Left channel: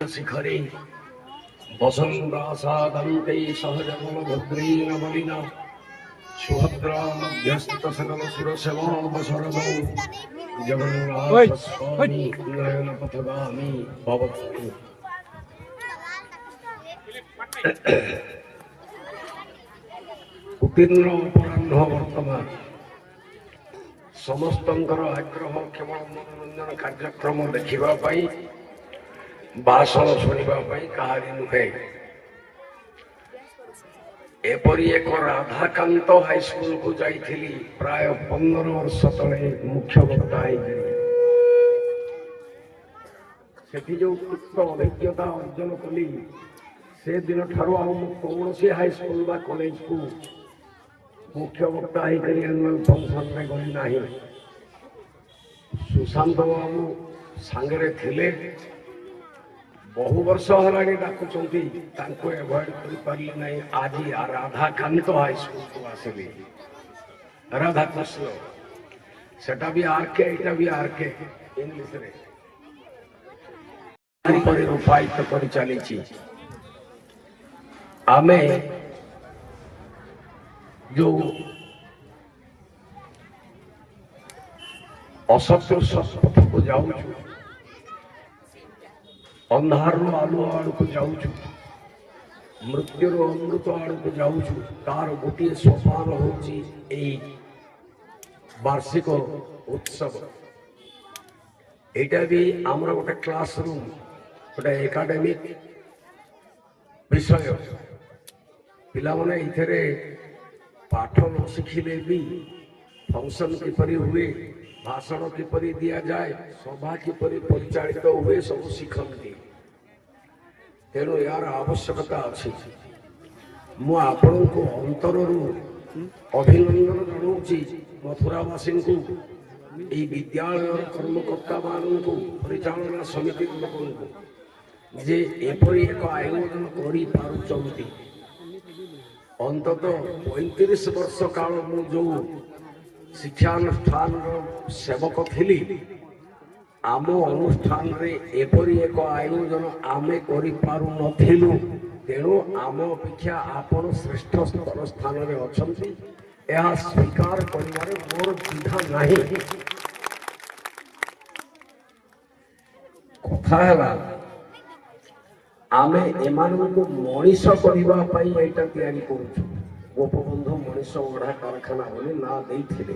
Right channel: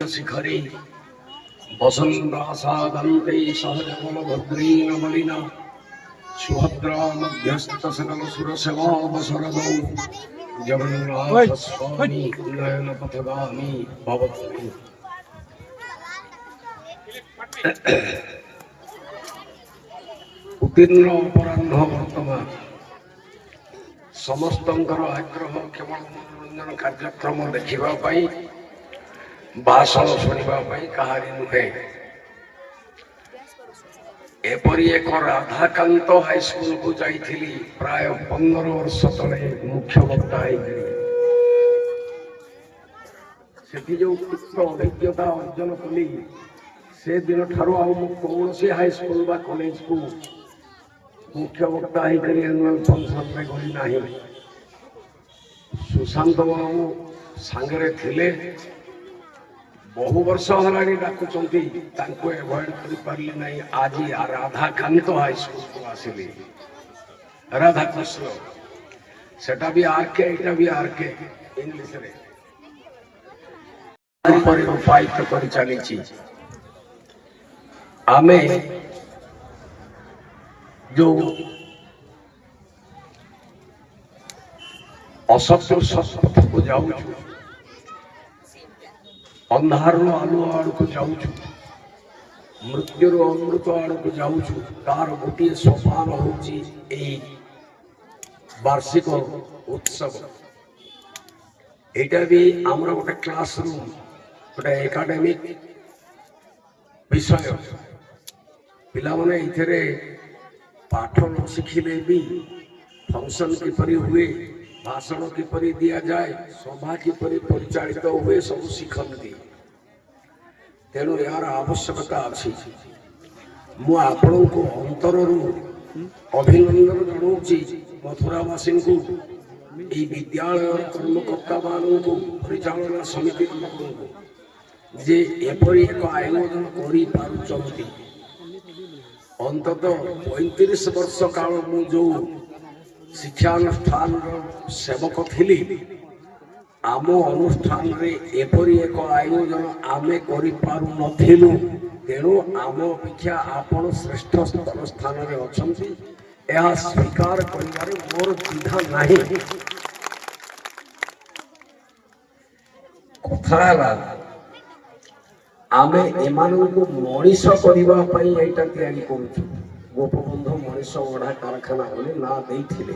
शिखरे वसन्तासादन्ते सहजबलभद्रैरमलिना सुभद्रा मध्यस्थ सकल सुरसेवावसरदो जगन्नाथस्वामी नयनपथगामी भवतु। उत्तीर्ण अपराह्न वर्तमान समस्तंकर आग्रह केवल मनोरंजन कार्यक्रम देखा भाषण शुणा कहानी नुहे। एपरी एक राधाकांत हाईस्कल को जाइली प्राय 15 वर्ष तले मुख्य वक्ता सेठी जो अभिज्ञता अर्जन कली से दिन ठार कौन हाईस्कल बा कॉलेज को मुख्य वक्ता फंक्शन में गली ना। सुशांत बाबू सांगे थिले बहु वर्ष होलानी डाकुचंती तांको एवॉइड कर पारले नहीं। आज राधाकांत हाईस्कल को आसिली राधा कृष्ण सेटा भी आरके एटा भी आरके इंग्लिश रे पर उपायित कर चली। आमे जो असत्य सत्पथ को जाऊँ अंधार आलु आड़ को जाऊँ मृत्युर अमृत आड़ को जाऊँ तार गोटे सोपान होची वार्षिक उत्सव। एटा भी आमर गोटे क्लासरूम गोटे एकाडेमिक विषय पिला माने इथरे पाठ न शिखिले भी फंक्शन किपरि हुए भाषण किपरि दिया जाए सभा किपरि परिचालित हुए सब शिखती। तेणु यार आवश्यकता अच्छी। मु आपण को अंतर अभिनंदन जनाऊँगी मथुरावासी को यह विद्यालय कर्मकर्ता मान को परिचालना समिति लोक जे एपरी एक आयोजन कर अंतत 35 वर्ष काल मु जो शिक्षानुष्ठान सेवक थी आम अनुष्ठान रे एपरी एक आयोजन आमे करि पारु नथिलु। तेणु आम अपेक्षा आपण श्रेष्ठ स्थान रे अछंती यह स्वीकार करिवारे मोर द्विधा नाही। कथा आमे एमानकु मनीष करबा पई एटा तयारी करूछु। गोपबंधु मनीष ओढ़ा कारखाना बोले ना देथिले।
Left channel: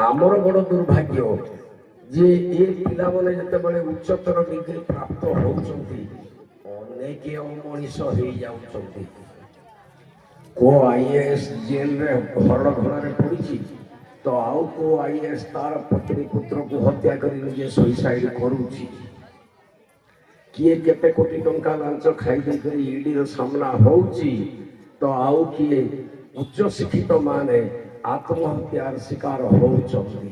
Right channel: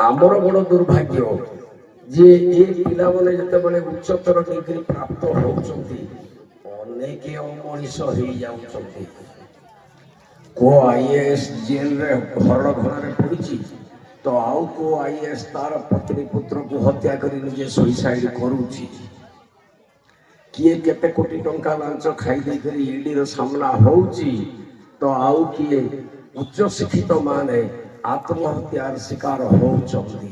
आमर बड़ दुर्भाग्य जे ए पिला माने जते बळे उच्चतर डिग्री प्राप्त होउछंती अनेक मनीष होई जाउछंती। को आईएएस जेल रे घर घर पड़िछि तो आउ को आईएएस तार पत्नी पुत्र को हत्या करी निजे सुसाइड करूछि। किए केते कोटी टंका लांच खाई दे करी ईडी रो सामना होउछि तो आउ किए उच्च शिक्षित माने आत्महत्यार शिकार होउछंती।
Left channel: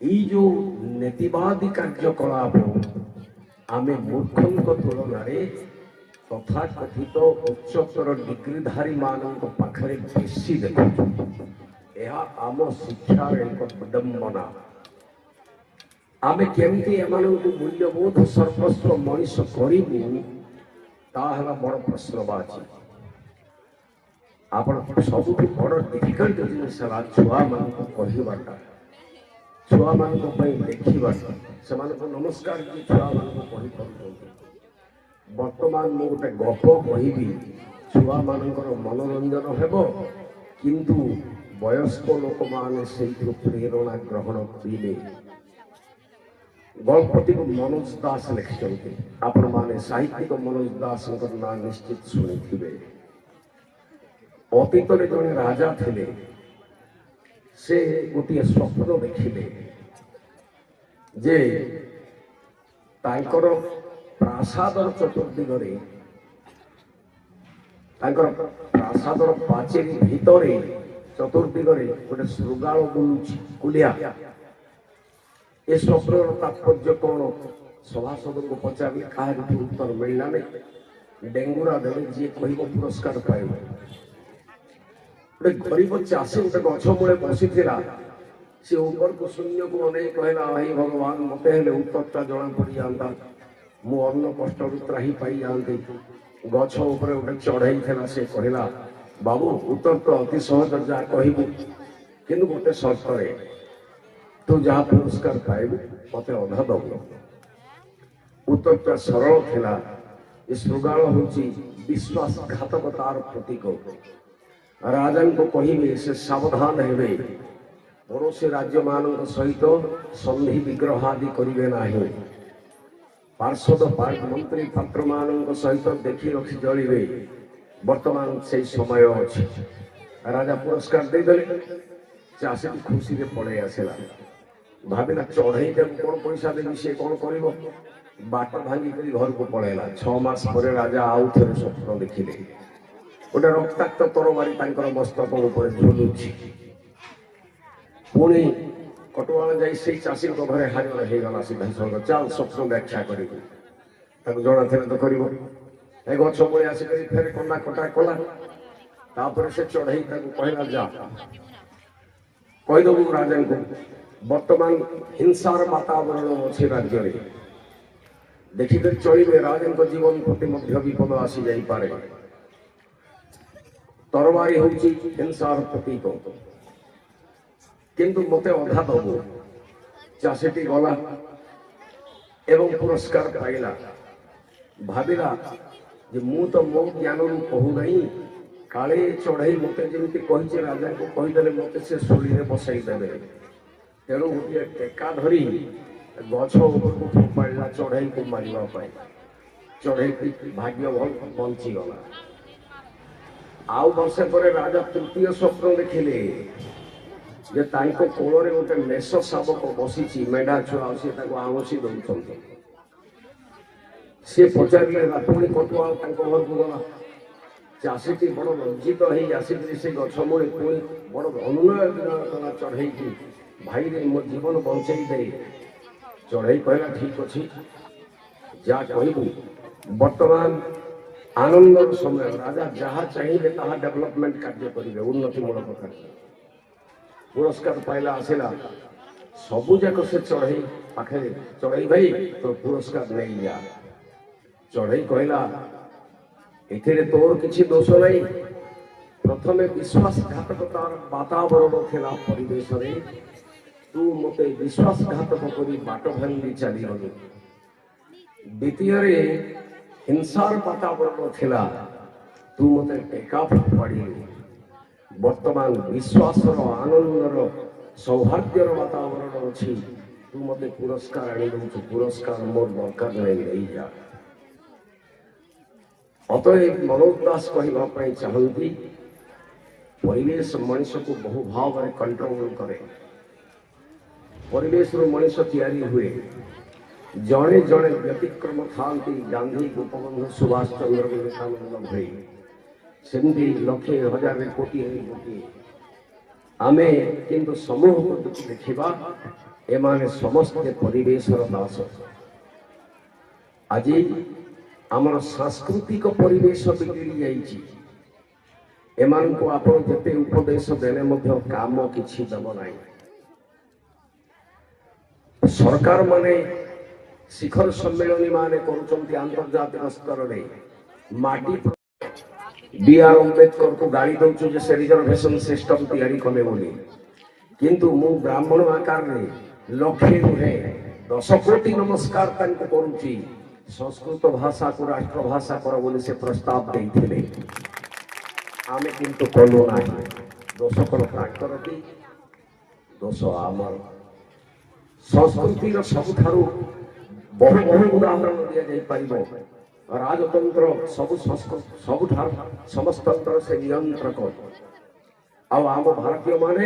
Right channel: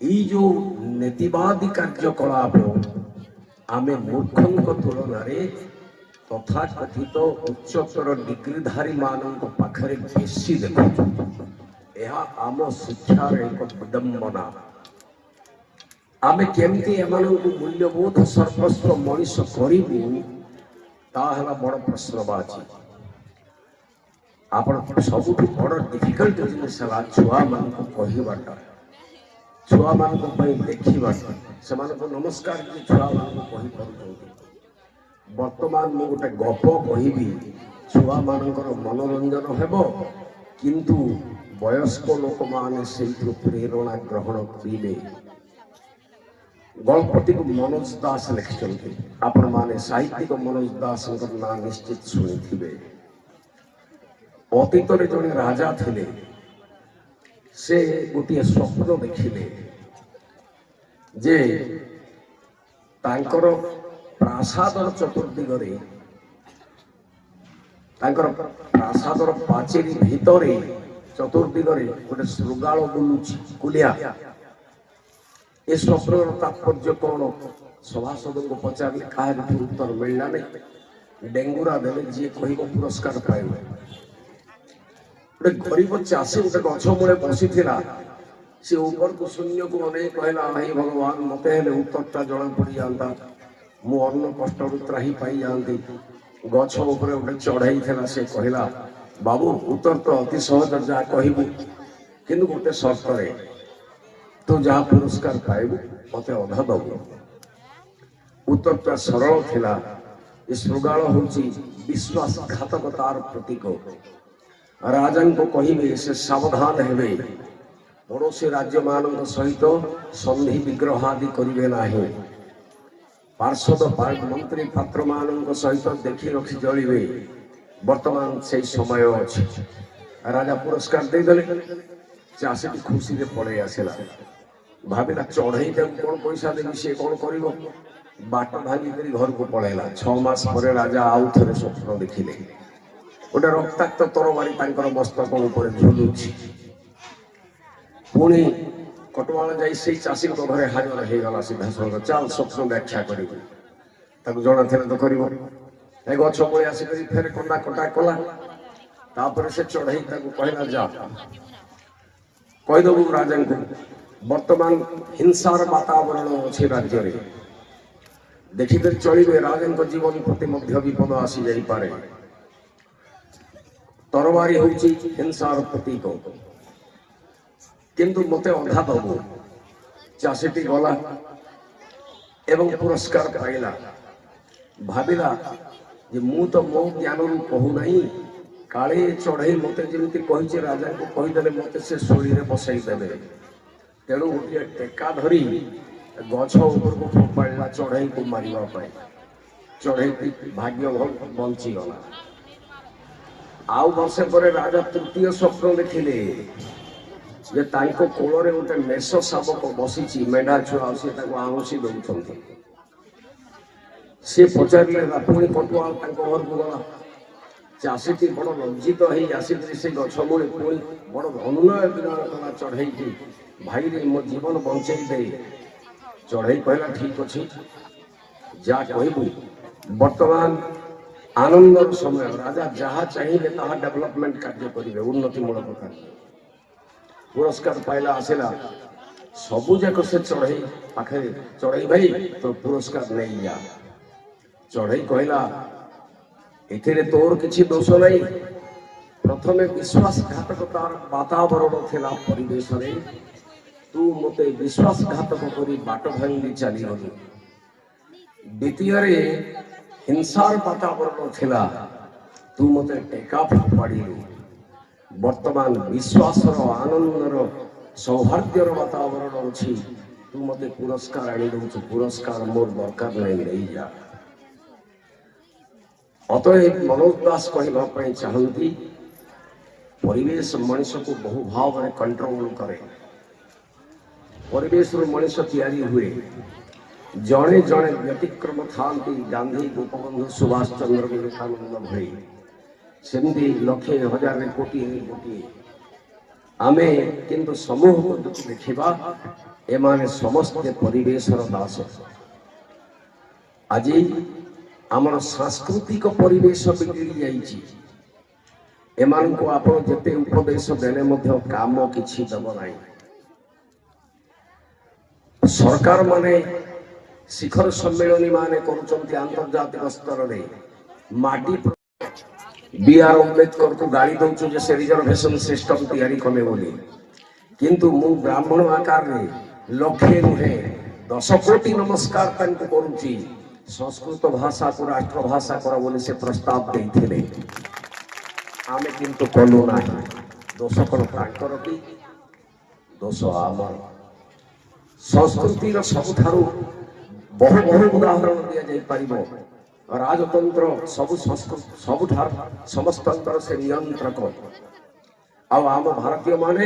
ई जो नीतिवादी कार्यकलाप आमे मूर्खंक तुलन तथा कथित उच्चतर डिग्रीधारी मानक पाखरे बेसी देखु। यह आम शिक्षार एक विडंबना। आमे केमती एमानकु मूल्यबोध सर्वस्व मनीष करिबु ताहला बड़ प्रश्नवाची। आपण सबुठु बड़ डिफिकल्ट जिनिस है छुआ मान को कहिबाटा छुआ मान को पई देखिबाटा समान को नमस्कार जी छुआ मान को कहि परथि। वर्तमान मु गोटे गप कहिबी छुआ मानकर मनोरंजन हेबो किंतु वयस्क लोक माने सेइथु प्रेरणा ग्रहण करिले। गल्पटी को मनोज दास लिखिଛନ୍ତି। आपण माने साहित्यिक मनोज दास ना निश्चित शुणिथिबे। अतीत रे जने राजा थिले से गोटे स्वप्न देखिले जे तांकर प्रासादर चतुर्दिगरे तांकर प्रासादर पाचेरी भितरे चतुर्दिगरे गोटे शृगाल बुलुछि कुलिया। ए स्वप्नर तात्पर्य कौन सभासद को पचारे कहार उत्तर मिलला नहीं। डेंगुरा देवे जी कह पुरस्कार पाइब। गोटे गरीब चाषी गोटे गछ मूले बसी सी ऊपर को शून्य को अनेक कहला नहीं भगवान मत उत्तरटा जना पड़ जाता ମୁଁ ଅନ୍ନ କଷ୍ଟରୁ ତ୍ରାହି ପାଇଯାଆନ୍ତି। ଗଛ ଉପରେ ଗୋଟେ ଚଢ଼େଇ ଥିଲା, ସେ କହିଲା ବାବୁ ଉତ୍ତର ତ ଅତି ସହଜ, ଯାହା କହିବୁ, କିନ୍ତୁ ଗୋଟେ ସର୍ତ୍ତରେ, ତୁ ଯାହା ପୁରସ୍କାର ପାଇବୁ ମତେ ଅଧା ଦବୁ। ଉତ୍ତରଟା ସରଳ ଥିଲା। ଏ ଶୃଗାଳ ହେଉଛି ବିଶ୍ୱାସଘାତକତାର ପ୍ରତୀକ। ରାଜାଙ୍କୁ କହିବେ ସେ ସାବଧାନ ହେବେ, ପଡ଼ୋଶୀ ରାଜ୍ୟମାନଙ୍କ ସହିତ ସନ୍ଧି ବିଗ୍ରହ ଆଦି କରିବେ ନାହିଁ। ପାର୍ଷଦ ମନ୍ତ୍ରୀ ପାତ୍ରମାନଙ୍କ ସହିତ ଦେଖି ରଖି ଚଳିବେ। ବର୍ତ୍ତମାନ ସେଇ ସମୟ ଅଛି। ରାଜା ପୁରସ୍କାର ଦେଇଦେଲେ। ଚାଷୀଟି ଖୁସିରେ ପଳେଇ ଆସିଲା। ଭାବିଲା ଚଢ଼େଇ ତାକୁ କ'ଣ ପଇସା ଦେବି, ସିଏ କ'ଣ କରିବ। ବାଟ ଭାଙ୍ଗିକରି ଘରକୁ ପଳେଇଲା। 6 ମାସ ପରେ ରାଜା ଆଉ ଥରେ ସ୍ୱପ୍ନ ଦେଖିଲେ। ଗୋଟେ ରକ୍ତାକ୍ତ ତରବାରୀ ତାଙ୍କର ମସ୍ତକ ଉପରେ ଝୁଲୁଛି। ପୁଣି କଟୁଆଲା ଯାଇ ସେଇ ଚାଷୀଙ୍କ ଘରେ ହାଜର ହେଇଗଲା। ସିଦ୍ଧାସନ ଚାଲ ସ୍ୱପ୍ନ ବ୍ୟାଖ୍ୟା କରିବୁ। ତାକୁ ଜଣାଥିଲା ତ କରିବ। ଏ ଗଛ ପଳେଇ ଆସିକରି ଫେରେ କଣ୍ଡା କଟା କଲା। ତାପରେ ସେ ଚଢ଼େଇ ତାକୁ କହିଲା ଯା କହିଦେବୁ ରାଜାଙ୍କୁ ବର୍ତ୍ତମାନ ହିଂସାର ବାତାବରଣ ଅଛି ରାଜ୍ୟରେ, ଦେଖିକରି ଚଳିବେ। ରାଜାଙ୍କ ଜୀବନ ପ୍ରତି ମଧ୍ୟ ବିପଦ ଆସି ଯାଇପାରେ। ତରବାରୀ ହେଉଛି ହିଂସାର ପ୍ରତୀକ, କିନ୍ତୁ ମୋତେ ଅଧା ଦବୁ। ଚାଷୀଟି ଗଲା ଏବଂ ପୁରସ୍କାର ପାଇଲା। ଭାବିଲା ଯେ ମୁଁ ତ ମୋ ଜ୍ଞାନରୁ କହୁନାହିଁ, କାଳେ ଚଢ଼େଇ ମୋତେ ଯେମିତି କହିଛି ରାଜାଙ୍କୁ କହିଦେଲେ ମୋତେ ସେ ଶୁଳିରେ ବସାଇ ଦେବେ। ତେଣୁ ଗୋଟିଏ ଟେକା ଧରି ଗଛ ଉପରକୁ ଫୋପାଡ଼ିଲା ଚଢ଼େଇକୁ ମାରିବା ପାଇଁ। ଚଢ଼େଇଟି ଭାଗ୍ୟ ବଞ୍ଚିଗଲା। ଆଉ ବର୍ଷେ ପରେ ରାଜା ତୃତୀୟ ସ୍ୱପ୍ନ ଦେଖିଲେ ଯେ ତାଙ୍କ କୋଳରେ ଗୋଟେ ମେଷ ଶାବକ ବସିଛି, ମେଢା ଛୁଆ, ସେ ତାକୁ ଆଉଁସି ଦେଉଛନ୍ତି। ସିଏ ପଚାରିଲେ, ପୁଣି କଟୁଆଲ ତାଙ୍କ ଘରକୁ ଗଲା। ଚାଷୀଟି ବଡ଼ ଲଜ୍ଜିତ ହେଇ ଆସିକରି ସେ ଗଛ ମୂଳେ ପୁଣି ବଡ଼ ଅନୁନୟ ବିନୟ କଲା ଚଢ଼େଇକି, ଭାଇରେ ମୋ ଜୀବନ ବଞ୍ଚେଇ ଦେ। ଚଢ଼େଇ କହିଲା ଠିକ ଅଛି, ଯାହା କହିବୁ। ବର୍ତ୍ତମାନ ଆନନ୍ଦର ସମୟ। ରାଜା ଯାହା ଚାହିଁବେ ତାହା ଡେଭଲପମେଣ୍ଟ କାର୍ଯ୍ୟ କରିବେ, ଉନ୍ନତିମୂଳକ କାର୍ଯ୍ୟ। ପୁରସ୍କାର ପାଇଲା, ଆସିଲା। ସବୁ ଯାକ ସେ ଚଢ଼େଇ ପାଖରେ, ଚଢ଼େଇ ଭାଇ ତୋ ପୁରସ୍କାର ନେଇଯା। ଚଢ଼େଇ କହିଲା ଏଥିରେ ତୋର କିଛି ଦୋଷ ନାହିଁ। ପ୍ରଥମେ ବିଶ୍ୱାସଘାତକତାର ବାତାବରଣ ଥିଲା ପରିବେଶରେ, ତୁ ମୋତେ ବିଶ୍ୱାସଘାତକ କରି ବାଟ ଭାଙ୍ଗି ଚାଲିଗଲୁ। ଦ୍ୱିତୀୟରେ ହିଂସାର ବାତାବରଣ ଥିଲା, ତୁ ମୋତେ ଟେକା ଫୋପାଡ଼ିଲୁ। ବର୍ତ୍ତମାନ ବିଶ୍ୱାସର, ଆନନ୍ଦର, ସୌହାର୍ଦ୍ଦ୍ୟର ବାତାବରଣ ଅଛି, ତୁ ମୋତେ ପୁରସ୍କାର ଆଣି ଦେଉଛୁ। ପୁରସ୍କାର ମୋର ଦରକାର ନାହିଁ, ନେଇଯା। ଅତଏବ ମନୋଜ ଦାସ କହିବା ପାଇଁ ଚାହାନ୍ତି, ପରିବେଶ ମଣିଷକୁ ବହୁ ଭାବରେ କଣ୍ଟ୍ରୋଲ କରେ। ପରିବେଶରୁ ମଣିଷ ତିଆରି ହୁଏ। ଜଣେ ଜଣେ ବ୍ୟତିକ୍ରମ ଥାନ୍ତି, ଗାନ୍ଧୀ, ଗୋପବନ୍ଧୁ, ସୁଭାଷ ଚନ୍ଦ୍ର, ବିବେକାନନ୍ଦ ଭଳି। ସେମିତି ଲକ୍ଷେ ହଜାର କୋଟିଏ କୋଟିଏ। ଆମେ କିନ୍ତୁ ସମୂହକୁ ଦେଖିବା, ଏମାନେ ସମସ୍ତେ ପରିବେଶର ଦାସ। ଆଜି ଆମର ସାଂସ୍କୃତିକ ପରିବେଶ ବିଗିଡ଼ି ଯାଇଛି। ଏମାନଙ୍କୁ ଆପଣ ଯେତେ ଉପଦେଶ ଦେଲେ ମଧ୍ୟ କାମ କିଛି ଦେବ ନାହିଁ। ସରକାର ମାନେ ଶିଖର ସମ୍ମିଳନୀ ମାନେ କରୁଛନ୍ତି ଆନ୍ତର୍ଜାତିକ ସ୍ତରରେ। ମାଟି B.R. ଆମ୍ବେଦକରକୁ ଗାଳି ଦଉଛୁ ଯେ ସେ ରିଜର୍ଭେସନ ସିଷ୍ଟମ ତିଆରି କଲେ ବୋଲି, କିନ୍ତୁ ମୁଁ ବ୍ରାହ୍ମଣ ଆକାରରେ ଲକ୍ଷେ ନୁହେଁ 10 କୋଟି ନମସ୍କାର ତାଙ୍କୁ କରୁଛି। ସଂସ୍କୃତ ଭାଷାକୁ ରାଷ୍ଟ୍ରଭାଷା କର ବୋଲି ସେ ପ୍ରସ୍ତାବ ଦେଇଥିଲେ, ଆମେ କିନ୍ତୁ କଲୁ ନାହିଁ। ଦୋଷ କ'ଣ ତାଙ୍କର କି? ଦୋଷ ଆମର। ସଂସ୍କୃତିର ସବୁଠାରୁ ବହୁ ବହୁ ଉଦାହରଣ ଦିଆଯାଇପାରିବ। ରାଜତନ୍ତ୍ର ସବୁଠାରୁ ସମସ୍ତଙ୍କର ସେ ନିୟନ୍ତ୍ରକ। ଆଉ ଆମ ଭାରତୀୟମାନେ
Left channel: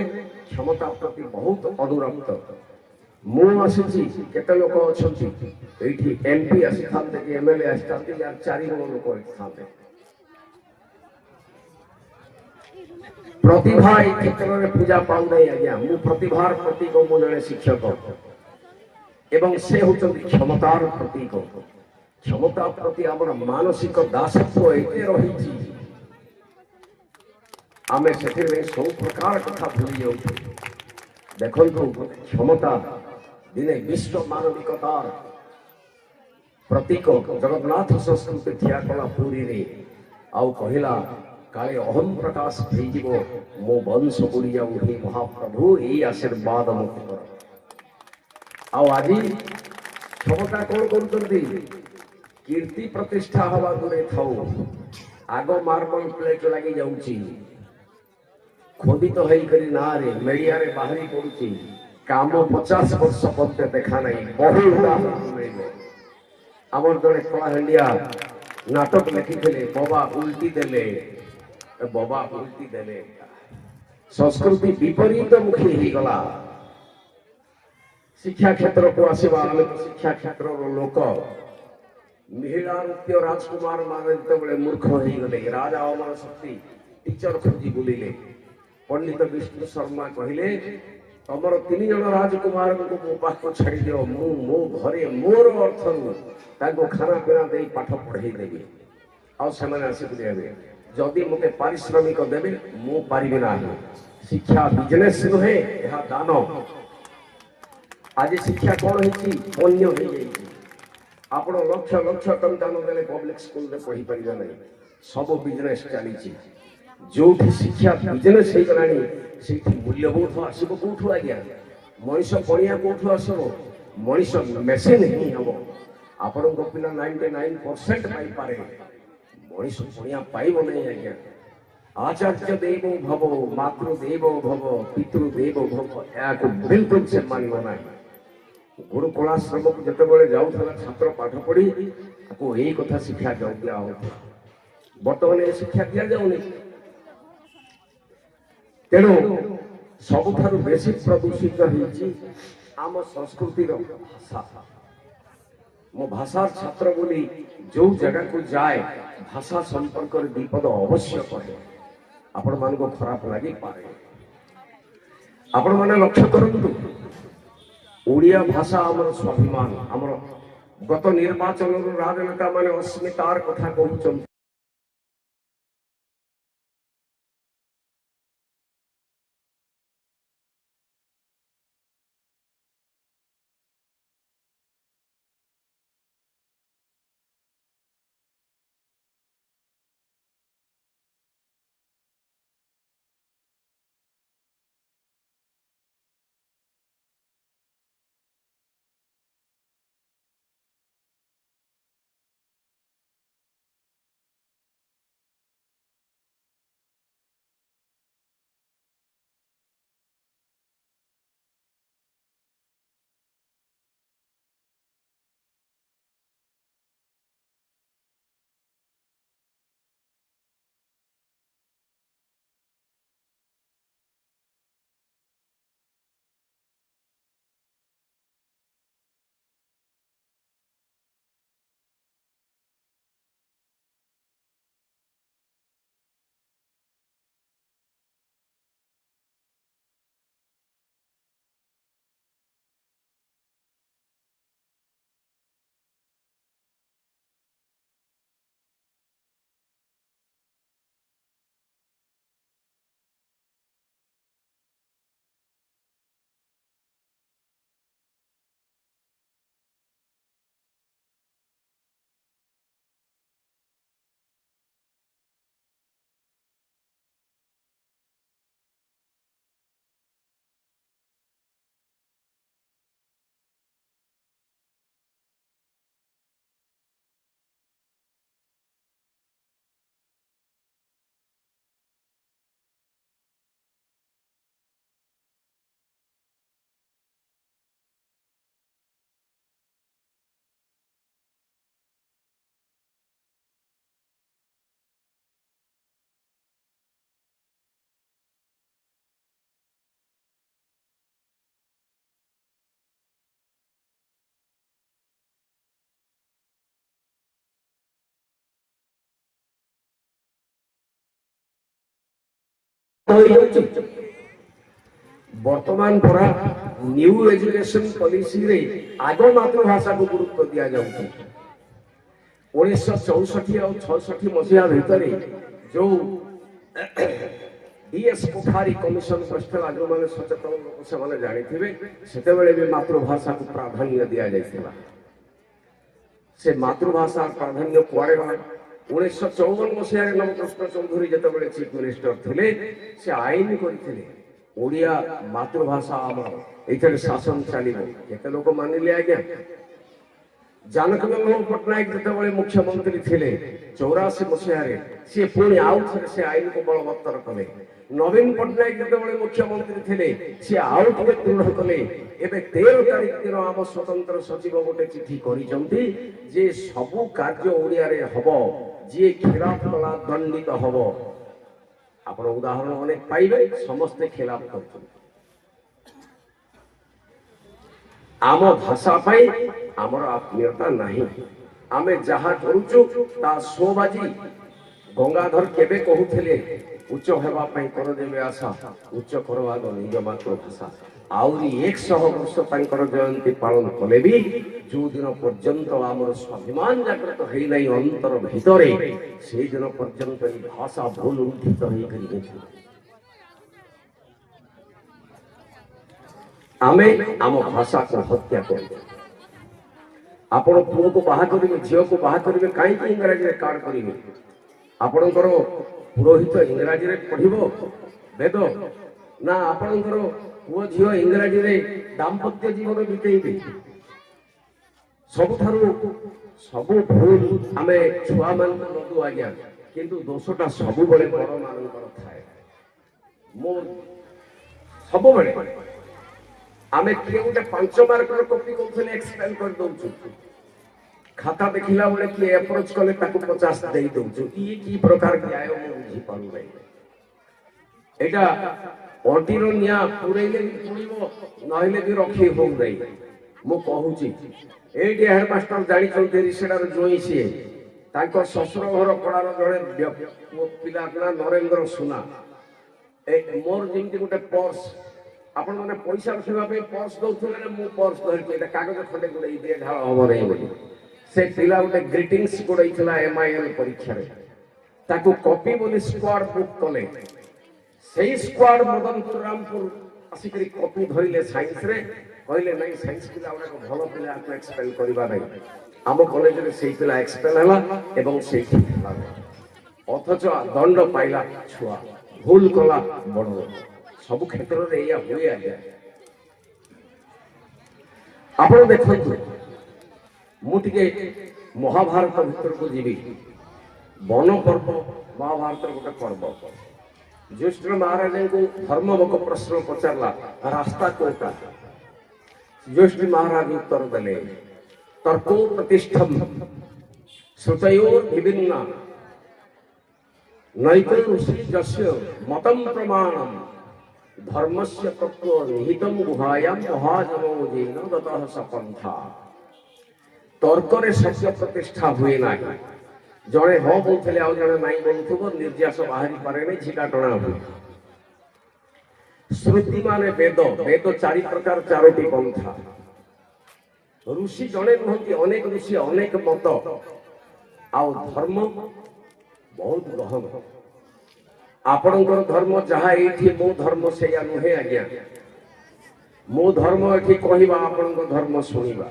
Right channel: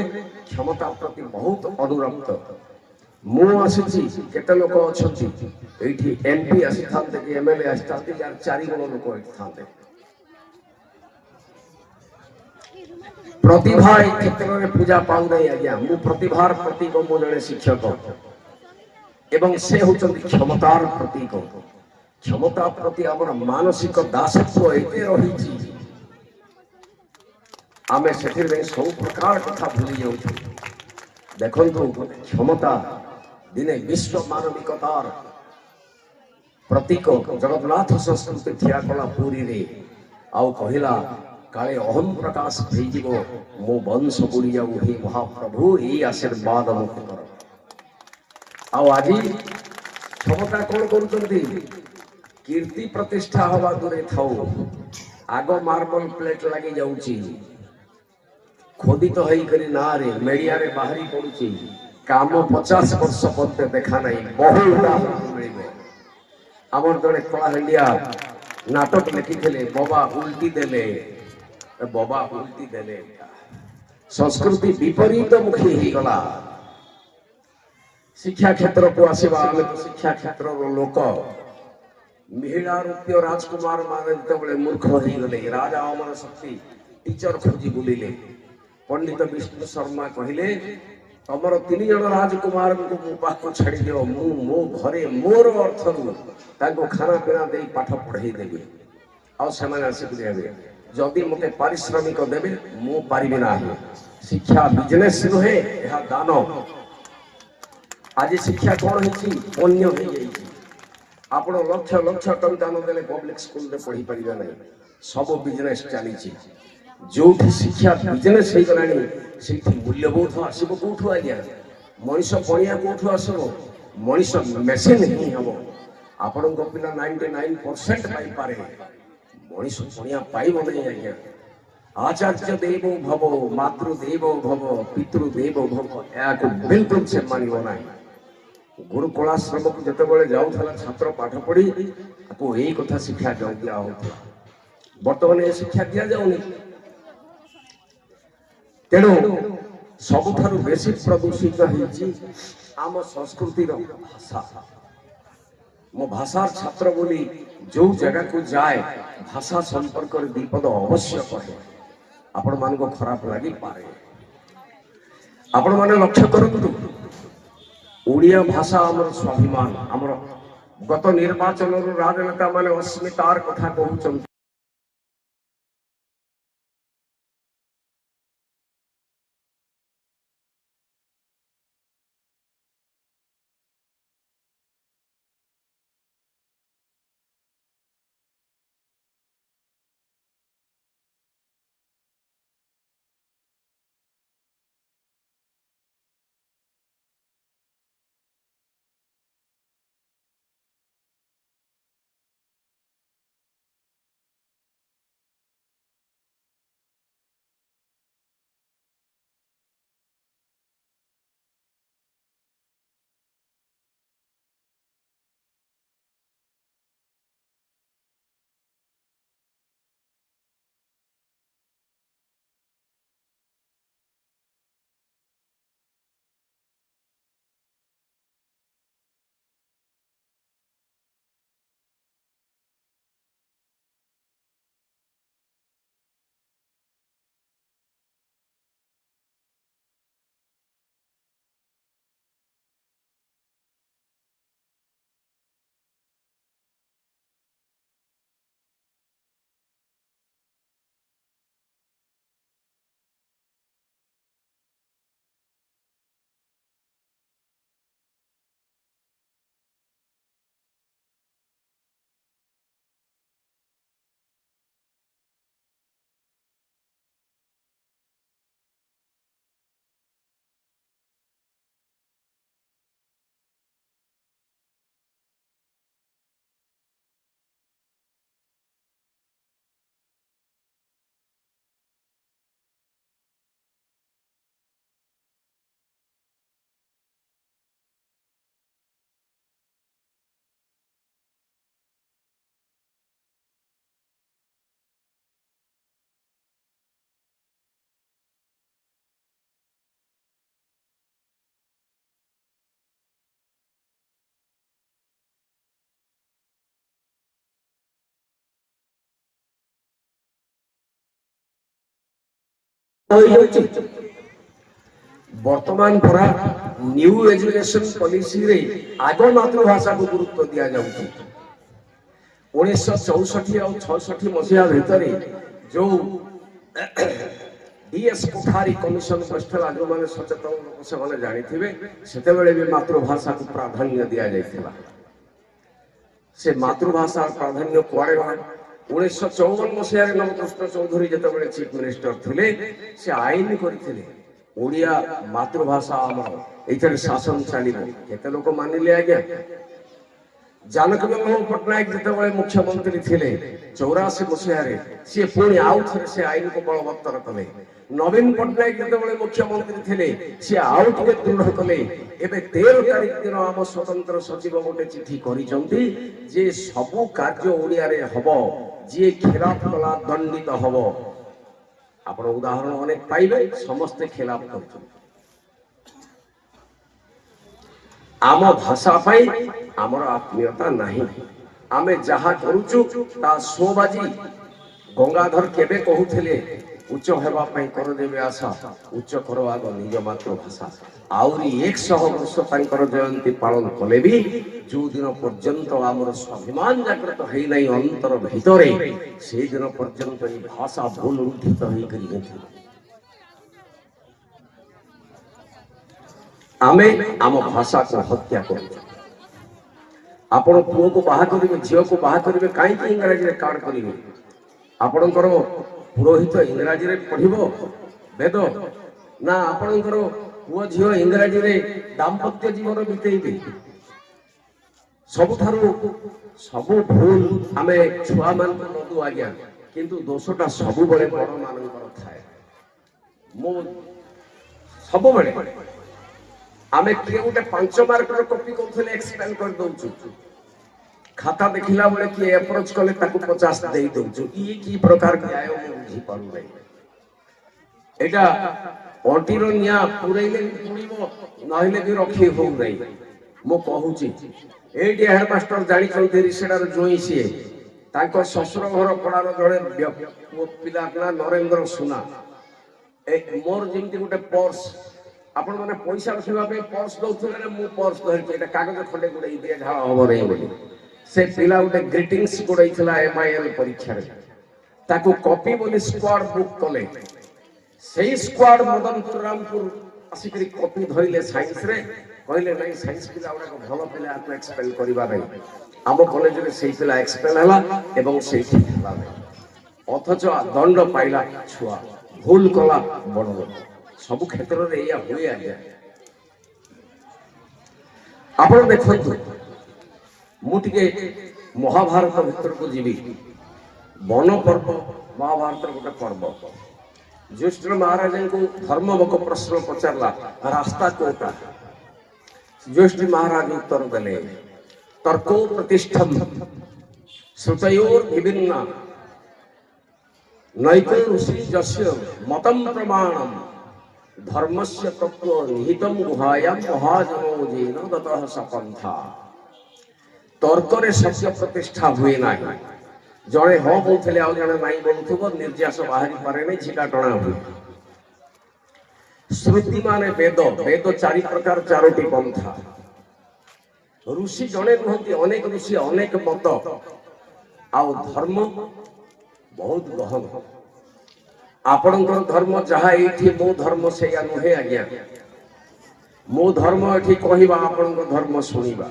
କ୍ଷମତା ପ୍ରତି ବହୁତ ଅନୁରକ୍ତ। ମୁଁ ଆସିଛି, କେତେ ଲୋକ ଅଛନ୍ତି ଏଇଠି, MP ଆସିଥାନ୍ତେ କି MLA ଆସିଥାନ୍ତେ, 4 ଜଣ ଲୋକ ଆସିଥାନ୍ତେ। ପ୍ରତିଭା এই ক্ষেত্রে পূজা পাও নাই। আজ্ঞা ମୁଁ ପ୍ରତିଭାର ପ୍ରତୀକ, ମୁଁ ଜଣେ ଶିକ୍ଷକ ଏବଂ ସେ ହେଉଛନ୍ତି କ୍ଷମତାର ପ୍ରତୀକ। କ୍ଷମତା ପ୍ରତି ଆମର ମାନସିକ ଦାସତ୍ୱ ଏତେ ରହିଛି, ଆମେ ସେଥିରେ ସବୁ ପ୍ରକାର କଥା ଭୁଲି ଯାଉଛୁ। ଦେଖନ୍ତୁ, କ୍ଷମତା ଦିନେ ବିଶ୍ୱ ମାନବିକତାର प्रतीक जगन्नाथ संस्कृति ठिया कला पुरी रे आउ कहला काले अहम प्रकाश भेजिब मो वंश बुड़ी जाऊ हे महाप्रभु ये आशीर्वाद मुझे कर आउ आज क्षमता कौन करुँच कीर्ति प्रतिष्ठा हवा दूरे थाऊ आग मार्बल प्लेट लगी जाऊँची खोदित तो होकर ना रे मीडिया रे बाहरी पड़ुची काम 50 वर्ष पत्ते देखा नहीं बहु उदाहरण आमर जड़े कलाहांडिया नाटक लिखी बाबा उल्टी देले बाबा उल्टी देले संस्कृति विपरीत मुखी ही गला शिक्षा क्षेत्र को आसवा शिक्षा क्षेत्र लोक महिला नृत्य राजकुमार मान जो मूर्ख हो गले राजा अमर शक्ति टीचर खोजी बुलिले पंडित विष्णु शर्मा कहले तमर 3 जन राजकुमार को मो पाख छाड़ी दियो मो घरे मोर अर्थ खाना पीना दे पाठ पढ़ाई देवी आसिक देवे जदि मते पारिश्रमिक देवे मु पारिबे ना शिक्षा बिजनेस नुहे यह दान आज शिक्षा कौन है आपण लक्ष लक्ष टंका देले पब्लिक स्कूल में पढ़ी पारिबे नहीं सब बिजनेस चली जो शिक्षा बिजनेस हो गलानी से मूल्यबोध आसब कौटू आज्ञा मनीष पणिया कौटू आसब मनीष मेसीन ही हम आपण पिला 99% पाइपे मनीष पणिया पाइब नहीं आज्ञा आचार्य देव भव मातृदेव भव पितृदेव भव या बिल्कुल से मानव ना गुरुकुलाश्रम को जिते जाऊला छात्र पाठ पढ़ी यही कथा शिक्षा दिया होता बर्तमान ये शिक्षा दि जाऊनी तेणु सबुठारु बेसी प्रदूषित आम संस्कृति भाषा मो भाषा छात्र बोली जो जगह को जाए भाषा संपर्क विपद अवश्य कहे आपण मान को खराब लगी पारे आपण माने लक्ष्य करंतु ओडिया भाषा आमर स्वाभिमान आमर गत निर्वाचन राजनेता माने अस्मितार कथा कहउछन वर्तमान परा न्यू एजुकेशन पॉलिसी रे आग मातृभाषा को गुरुत्व दिया जाउछि 1964 और 66 मसिया भितर जो डीएस कोठारी कमिशन बसला जो माने सचेतन लोक से माने जानि थिबे सेते बेले भी मातृभाषा को प्राधान्य दिया जाइथिला से मातृभाषा प्राधान्य कुआड़े गला 1954 मसीह नवकृष्ण चौधरी जितेबाला चीफ मिनिस्टर थे से आईन करते ओडिया मातृभाषा आमर ये शासन चलो केते लोक मानिले आज्ञा जानकी मंगल पट्टनायक जितेबाला मुख्यमंत्री थे 84 मसीह सी पुणी आउ थे से आईन को बलवत्तर कले नवीन पट्टनायक जितेबाला मुख्यमंत्री थे सी आउ टे दृढ़ कले एबे 13 तारीख दिन आम स्वतंत्र सचिव गोटे चिठी करिसंती जे सबु कार्य ओडिया रे हबो जे खिलाफ कला दंडित हबो आपण उदाहरण अनेक पाइबे समस्त खिलाफ करछन आम भाषा पाई आमर आत्मीयता नहीं आमे जहा करूचु ता सोबाजी गंगाधर केबे कहूथिले उच्च हेबा पई कर देबे आशा उच्च करवा दो निज मातृभाषा आउरी 100 वर्ष तांकर जयंती पालन कले भी जो दिन पर्यंत आमर स्वाभिमान जागृत है नहीं अंतर भितरे से दिन पर्यंत ई भाषा भूल उठित होई करी आमे आम भाषा को हत्या कर आपण पुओ को बाहा करिवे झियो को बाहा करिवे काई कि इंग्रजी रे कार्ड करिवे आपणकर पुरोहित इंग्रजी रे पढिबो वेद ना आपणकर पुओ झियो इंग्रजी रे दाम्पत्य जीवन बितेइबे सब भूल आमे छुआ मान को आज्ञा किंतु दोषटा सब बळे बड़ मानकर थाए मो सब बळे आमे किए गोटे 5 मार्क रो कॉपी करथले एक्सप्लेन कर दउछु खाता देखिला बेले कि अप्रोच कले ताकू 50 देई दउछु की प्रकार के आयो मु बुझी पाउ नै एटा ऑटिरो निया पुरैले पुरिबो नहिले भी रखी हो नै मु कहूची एडी हेड मास्टर जानि चौधरी रिसेडार जोई सिए ताको ससुर घर पड़ार जड़े पिला ना नरेंद्र सुना ए मोर जेमति गोटे पर्स आपण माने पैसा रखिबा पे पर्स दउथले मु पर्स धरके एटा कागज खंडे गुडै दे ढा हो रे बोली से पिला गोटे ग्रीटिंग्स गुडैथला एमआईएल परीक्षा रे ताको कॉपी बोली स्क्वाड बुक कले सेही स्क्वाड मदनपुर रामपुर आसिकरी कॉपी धइले साइंस रे कहले नहीं साइंस पिला गुडा भलो पिला को एक्सपेल करबा नै आम कॉलेज रे सेही पिला एक्सपेल हला एवं सेही हला अथच दंड पाइला छुआ भूल कला बड़ सब क्षेत्र रे या होय आज्ञा आपण देखंतु मुटिके महाभारत भीतर को जीवी वन पर्व महाभारत गोटे पर्व ज्येष्ठ महाराज को धर्ममुख प्रश्न पचारला रास्ता कोटा ज्येष्ठ महाराज उत्तर देले तर्को प्रतिष्ठम श्रुतयोर विभिन्न नैको ऋषि जस्य मतम प्रमाणम धर्मस्य तत्व निहितम गुहायाम महाजनो जेन गतः सपंथा तर्क रे सत्य प्रतिष्ठा हुए नाही जणे हो बोलथले आ जणे नाही बोलथबो निर्यास बाहरी पारे नै छिटा टणा हुए श्रुति माने वेद वेद चारि प्रकार चारोटी पंथा ऋषि जणे कहती अनेक ऋषि अनेक मत आ धर्म बहुत गहन आपणकर धर्म जहा एठी मो धर्म सेया नुहे आज्ञा मो धर्म एठी कहिबा आपणकर धर्म सुनिबा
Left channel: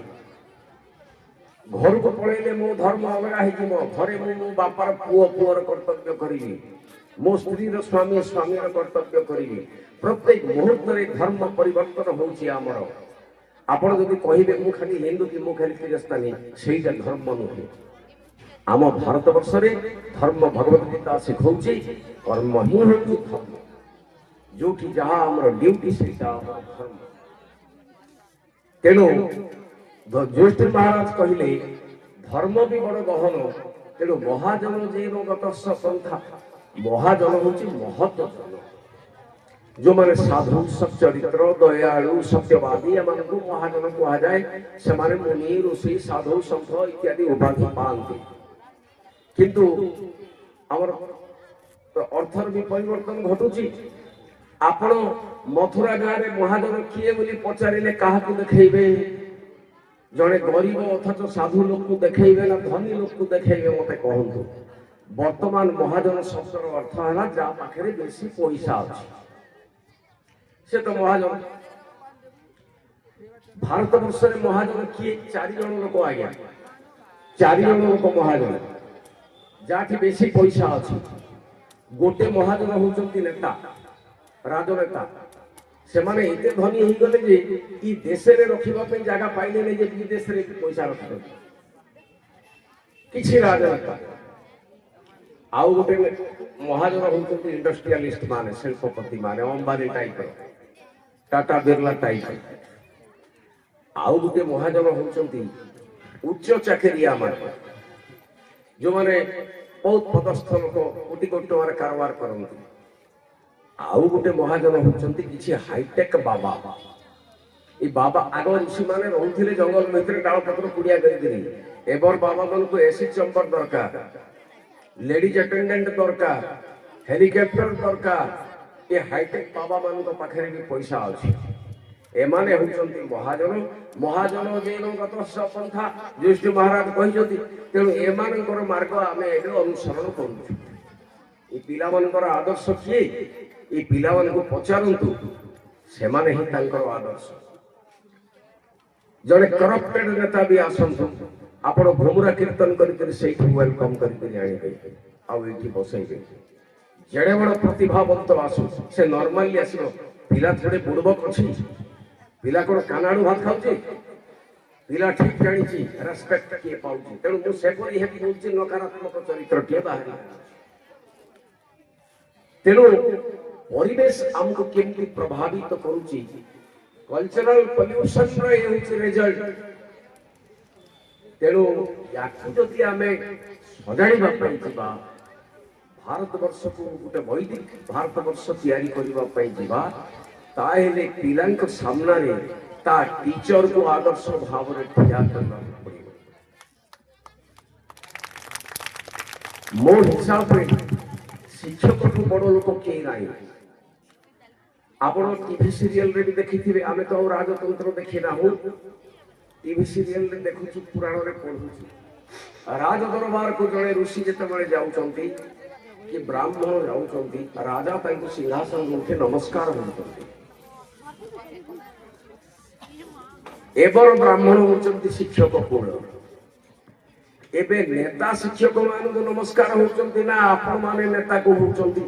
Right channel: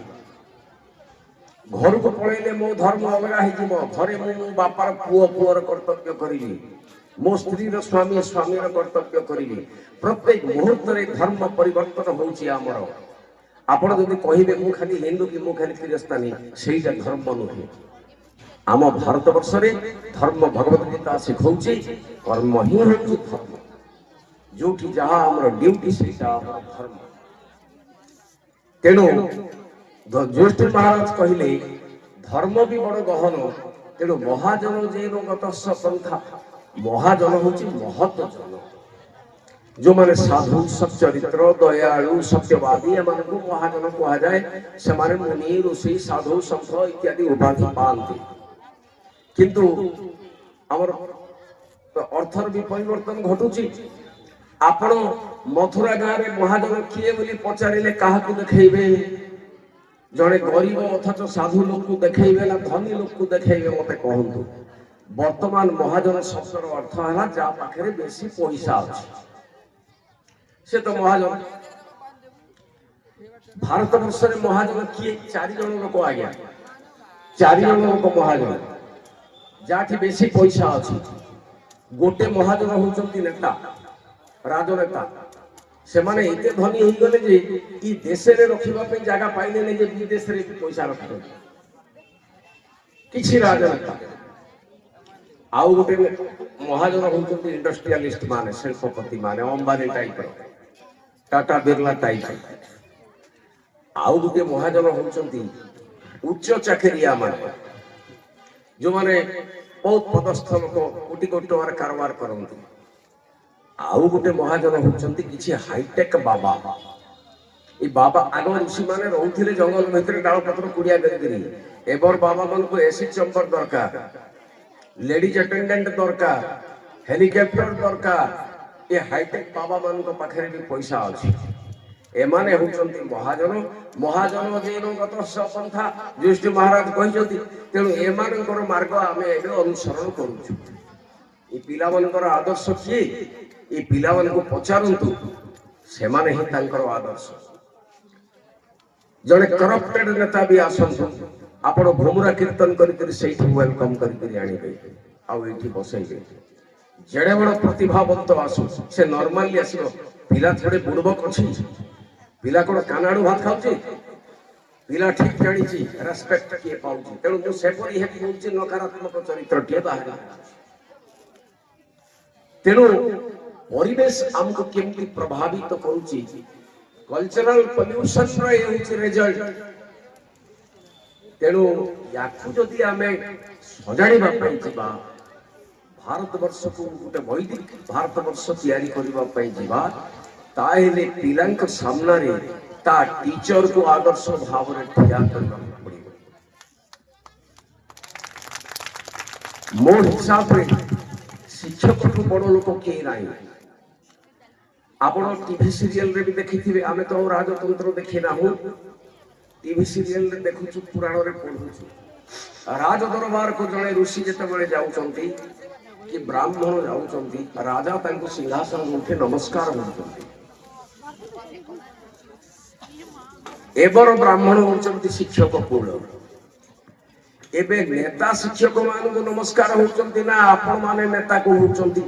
घर को पळेले मो धर्म अगरा हे जिमो घरे मो बापार पुओ पुओर कर्तव्य करिबी मो स्त्री रो स्वामी स्वामी रो कर्तव्य करिबी प्रत्येक मुहूर्त रे धर्म परिवर्तन होउची हमर आपण जदि कहिबे मु खाली हिंदू की मु खाली ख्रिस्तानी सेईटा धर्म नुहे आम भारत वर्ष रे धर्म भगवत गीता सिखौची कर्म ही होची धर्म जोठी जहां हमर ड्यूटी सेटा धर्म तेणु ज्येष्ठ महाराज कहले धर्म भी बड़ गहन तेणु महाजन जेन गतस्स पंथा महाजन होची महत जन जो माने साधु सच्चरित्र दयालु सत्यवादी एमान को महाजन कहा जाए से माने मुनि ऋषि साधु संत इत्यादि उपाधि पाते किंतु हमर अर्थर भी परिवर्तन घटुची आपण मथुरा गाँव रे महाजन किए बोली पचारिले काहा को देखैबे जड़े गरीब अथच साधु लोक को देखैबे ना धनी लोक को देखैबे मते कहंतु वर्तमान महाजन शब्दर अर्थ है जा पाखरे बेसी पैसा अछि से तो महाजन भारत वर्ष रे महाजन किए 4 जन लोक आज्ञा ଚାରି ଜଣ ଲୋକ ମହାଜନ, ଯାହାଠି ବେଶୀ ପଇସା ଅଛି। ଗୋଟେ ମହାଜନ ହଉଛନ୍ତି ନେତା, ରାଜନେତା। ସେମାନେ ଏତେ ଧନୀ ହେଇଗଲେ ଯେ ଇ ଦେଶରେ ରଖିବା ପାଇଁ ଜାଗା ପାଇଲେନି ଯେ ବିଦେଶରେ ପଇସା ରଖୁଛନ୍ତି କିଛି ରାଜନେତା। ଆଉ ଗୋଟେ ମହାଜନ ହଉଛନ୍ତି ଇଣ୍ଡଷ୍ଟ୍ରିଆଲିଷ୍ଟ ମାନେ, ଶିଳ୍ପପତି ମାନେ, ଅମ୍ବାନୀ ଟାଇପର, ଟାଟା ବିର୍ଲା ଟାଇପର। ଆଉ ଗୋଟେ ମହାଜନ ହଉଛନ୍ତି ଉଚ୍ଚ ଚାକିରିଆ ମାନେ, ଯୋଉମାନେ ବହୁତ ପଦସ୍ଥ ଲୋକ, କୋଟି କୋଟି ଟଙ୍କାର କାରବାର କରନ୍ତି। ଆଉ ଗୋଟେ ମହାଜନ ହଉଛନ୍ତି କିଛି ହାଇଟେକ୍ ବାବା। ଏ ବାବା ଆଗ ଋଷି ମାନେ ରହୁଥିଲେ ଜଙ୍ଗଲ ଭିତରେ ଡାଳ ପତ୍ର କୁଡିଆ କରିକିରି। ଏବ ବାବା ମାନଙ୍କୁ ଏସି ଚମ୍ବର ଦରକାର, ଲେଡିଜ ଆଟେଣ୍ଡାଣ୍ଟ ଦରକାର, ହେଲିକପ୍ଟର ଦରକାର। ଏ ହାଇଟେକ୍ ବାବା ମାନଙ୍କ ପାଖରେ ବି ପଇସା ଅଛି। ଏମାନେ ହଉଛନ୍ତି ମହାଜନ। ମହାଜନ ଜୀବନଗତ ପନ୍ଥା ଯୁଧିଷ୍ଠ ମହାରାଜ କହିଛନ୍ତି। ତେଣୁ ଏମାନଙ୍କର ମାର୍ଗ ଆମେ ଏବେ ଅନୁସରଣ କରୁଛୁ। ଏ ପିଲାମାନଙ୍କର ଆଦର୍ଶ କିଏ? ଏ ପିଲାମାନଙ୍କୁ ପଚାରନ୍ତୁ, ସେମାନେ ହିଁ ତାଙ୍କର ଆଦର୍ଶ। ଜଣେ କରପ୍ଟେଡ ନେତା ବି ଆସନ୍ତୁ, ଆପଣ ଘୁମୁରା କୀର୍ତ୍ତନ କରିକିରି ସେଇଠି ୱେଲକମ୍ କରିକିରି ଆଣିବେ, ଆଉ ଏଇଠି ବସେଇବେ। ଯେଡ଼େ ବଡ଼ ପ୍ରତିଭାବନ୍ତ ଆସୁ, ସେ ନର୍ମାଲି ଆସିବ। ପିଲା ଥୋଡେ ବୁଡବକ ଅଛି? ପିଲା କଣ କାନାଡୁ ଭାତ ଖାଉଛି? ପିଲା ଠିକ ଜାଣିଛି ରେସ୍ପେକ୍ଟ କିଏ ପାଉଛି। ତେଣୁ ମୁଁ ସେପରି ହେବି ହଉଛି ନକାରାତ୍ମକ ଚରିତ୍ରଟିଏ ବାହାରି। ତେଣୁ ପରିବେଶ ଆମକୁ କେମିତି ପ୍ରଭାବିତ କରୁଛି, କଲଚରାଲ ପଲ୍ୟୁସନର ଏ ହେଉଛି ରେଜଲ୍ଟ। ତେଣୁ ୟାକୁ ଯଦି ଆମେ ସଜାଡ଼ିବା ପାଇଁ ଯିବା, ଭାରତବର୍ଷକୁ ଗୋଟେ ବୈଦିକ ଭାରତବର୍ଷ ତିଆରି କରିବା ପାଇଁ ଯିବା, ତାହେଲେ ପିଲାଙ୍କ ସାମ୍ନାରେ ତା ଟିଚରକୁ ଆଦର୍ଶ ଭାବରେ ଠିଆ କରିବାକୁ ପଡ଼ିବ। ମୋ ହିସାବରେ ଶିକ୍ଷକଠୁ ବଡ଼ ଲୋକ କେହି ନାହିଁ। ଆପଣ ଟିଭି ସିରିଏଲରେ ବି ଦେଖିଥିବେ, ଆମେ ତ ଆଉ ରାଜତନ୍ତ୍ର ଦେଖିନାହୁଁ, ଟିଭି ସିରିଏଲରେ ଦେଖୁଛୁ, ପୁରାଣରେ ପଢୁଛୁ। ରାଜ ଦରବାରକୁ ଜଣେ ଋଷି ଯେତେବେଳେ ଯାଉଛନ୍ତି କି ବ୍ରାହ୍ମଣ ଯାଉଛନ୍ତି, ରାଜା ତାଙ୍କୁ ସିଂହାସନ ଉଠେ ନମସ୍କାର କରୁଛନ୍ତି। ଏବର ବ୍ରାହ୍ମଣ ହଉଛନ୍ତି ଶିକ୍ଷକ କୂଳ। ଏବେ ନେତା ଶିକ୍ଷକ ମାନଙ୍କୁ ନମସ୍କାର ହଉଛନ୍ତି ନା ଆପଣ ମାନେ ନେତା କହୁଛନ୍ତି?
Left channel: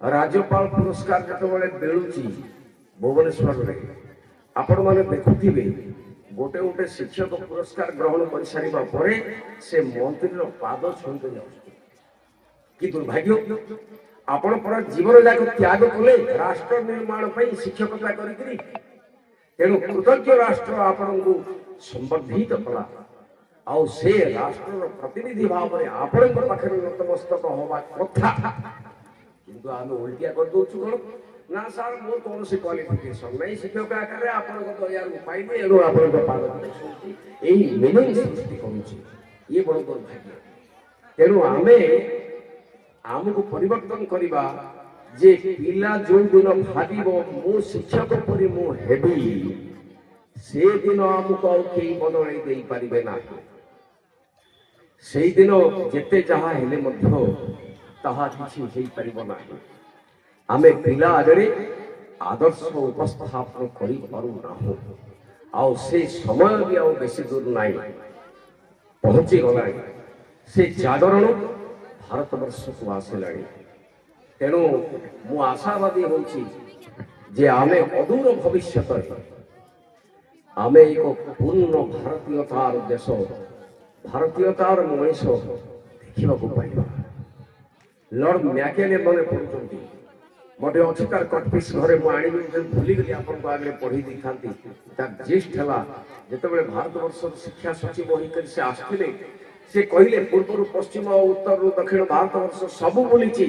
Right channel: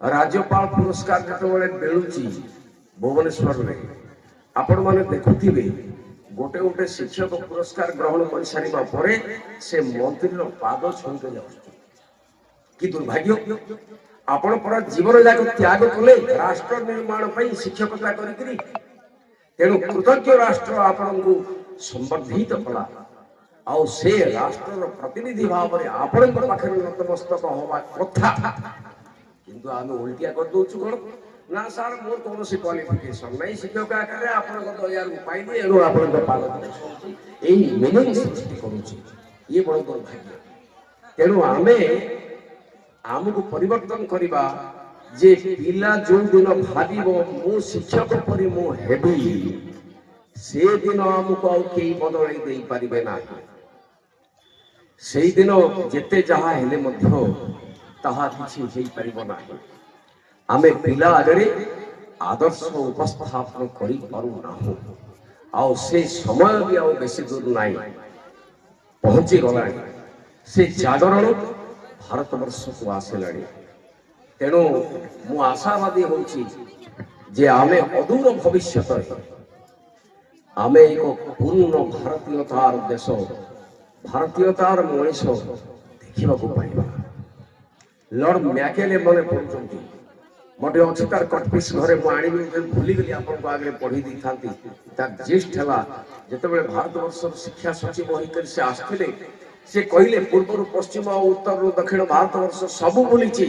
ରାଜ୍ୟପାଳ ପୁରସ୍କାର ଯେତେବେଳେ ମିଳୁଛି ଭୁବନେଶ୍ୱରରେ, ଆପଣ ମାନେ ଦେଖୁଥିବେ, ଗୋଟେ ଗୋଟେ ଶିକ୍ଷକ ପୁରସ୍କାର ଗ୍ରହଣ କରିସାରିବା ପରେ ସେ ମନ୍ତ୍ରୀର ପାଦ ଛୁଇଁକି ଯାଉଛନ୍ତି। କି ଦୁର୍ଭାଗ୍ୟ! ଆପଣ ପରା ଜୀବନ ଯାକ ତ୍ୟାଗ କଲେ ରାଷ୍ଟ୍ର ନିର୍ମାଣ ପାଇଁ ଶିକ୍ଷକତା କରିକିରି। ତେଣୁ କୃତଜ୍ଞ ରାଷ୍ଟ୍ର ଆପଣଙ୍କୁ ସମ୍ବର୍ଦ୍ଧିତ କଲା, ଆଉ ସେ ରାଷ୍ଟ୍ରର ପ୍ରତିନିଧି ଭାବରେ ଆପଣଙ୍କ ପାଖରେ ନତମସ୍ତକ ହବା କଥା। କିନ୍ତୁ ଆମେ ଓଲଟିଆ କରିଦଉଛୁ କଣ ନା, ସାର୍ ମୋର କୌଣସି କ୍ୱାଲିଫିକେସନ ନାହିଁ, ଶିକ୍ଷକ ଆକାରରେ ଆପଣଙ୍କ ଦୟାରୁ ପାଇଲି, ଏଣୁ ଆପଣଙ୍କ ପାଦ ଶୁଣୁଛି। ଏଇ ମିନିଂ ସୃଷ୍ଟି କରୁଛି। ଇଏ ବଡ଼ ଦୁର୍ଭାଗ୍ୟ। ତେଣୁ ଆମକୁ ପରିବର୍ତ୍ତନ କରିବା ଯେ ପିଲା ଯୋଉ ଦିନ ଭାବିବ ମୁଁ ଶିକ୍ଷକ ପରି ମୁଁ ହେବି, ସେଦିନ ଆମକୁ ଆଉ କେହି ବଦଳାଇ ଦେଇପାରିବେ ନାହିଁ। ସେଇଦିନ ଯେତେ ଯାହା ହେଲେ ମଧ୍ୟ ତାହା କିଛି ହେଇପାରିବ ନାହିଁ। ଆମେ ପିଲା ଆଗରେ ଆଦର୍ଶ ଉପସ୍ଥାପନ କରିପାରୁନାହୁଁ। ଆଉ ସେ ସମୟ ବି ଆଉ ବେଶୀ ଦୂର ନାହିଁ, ପହଞ୍ଚି ଗଲାଣି। ସେ ଜାଗରଣ ଭାରତବର୍ଷକୁ ଆସିଲାଣି। ତେଣୁ ମୁଁ ଆଶାବାଦୀ ହେଉଛି ଯେ ଆମେ ଅଦୂର ଭବିଷ୍ୟତରେ ଆମେ ଏକ ପୂର୍ଣ୍ଣ ଭାରତୀୟତାର ଦେଶ, ଭାରତୀୟତାର ମଣିଷ ଦେଖିବାକୁ ପାଇବା। ଲର୍ଡ ମ୍ୟାକେଲେ ମନେ ପଡୁଛନ୍ତି, ଗୋଟେ ଅଛି ତାର କଟପିସ୍ ଘରେ, ମୁଁ ଆଣିବି ଭୁଲିଗଲି, ଆପଣଙ୍କ ଆଗରେ ପଢି ଦେଇଥାନ୍ତି। ତାର ଜିଷ୍ଟ ହେଲା, ଯେତେବେଳେ ଭାରତବର୍ଷର ଶିକ୍ଷା ସଚିବ ହୋଇକରି ସେ ଆସିଥିଲେ, ସେ କହିଲେ ପୂର୍ବରୁ ପଶ୍ଚିମ ଉତ୍ତରରୁ ଦକ୍ଷିଣ ଭାରତବର୍ଷ ସବୁ ବୁଲିଛି,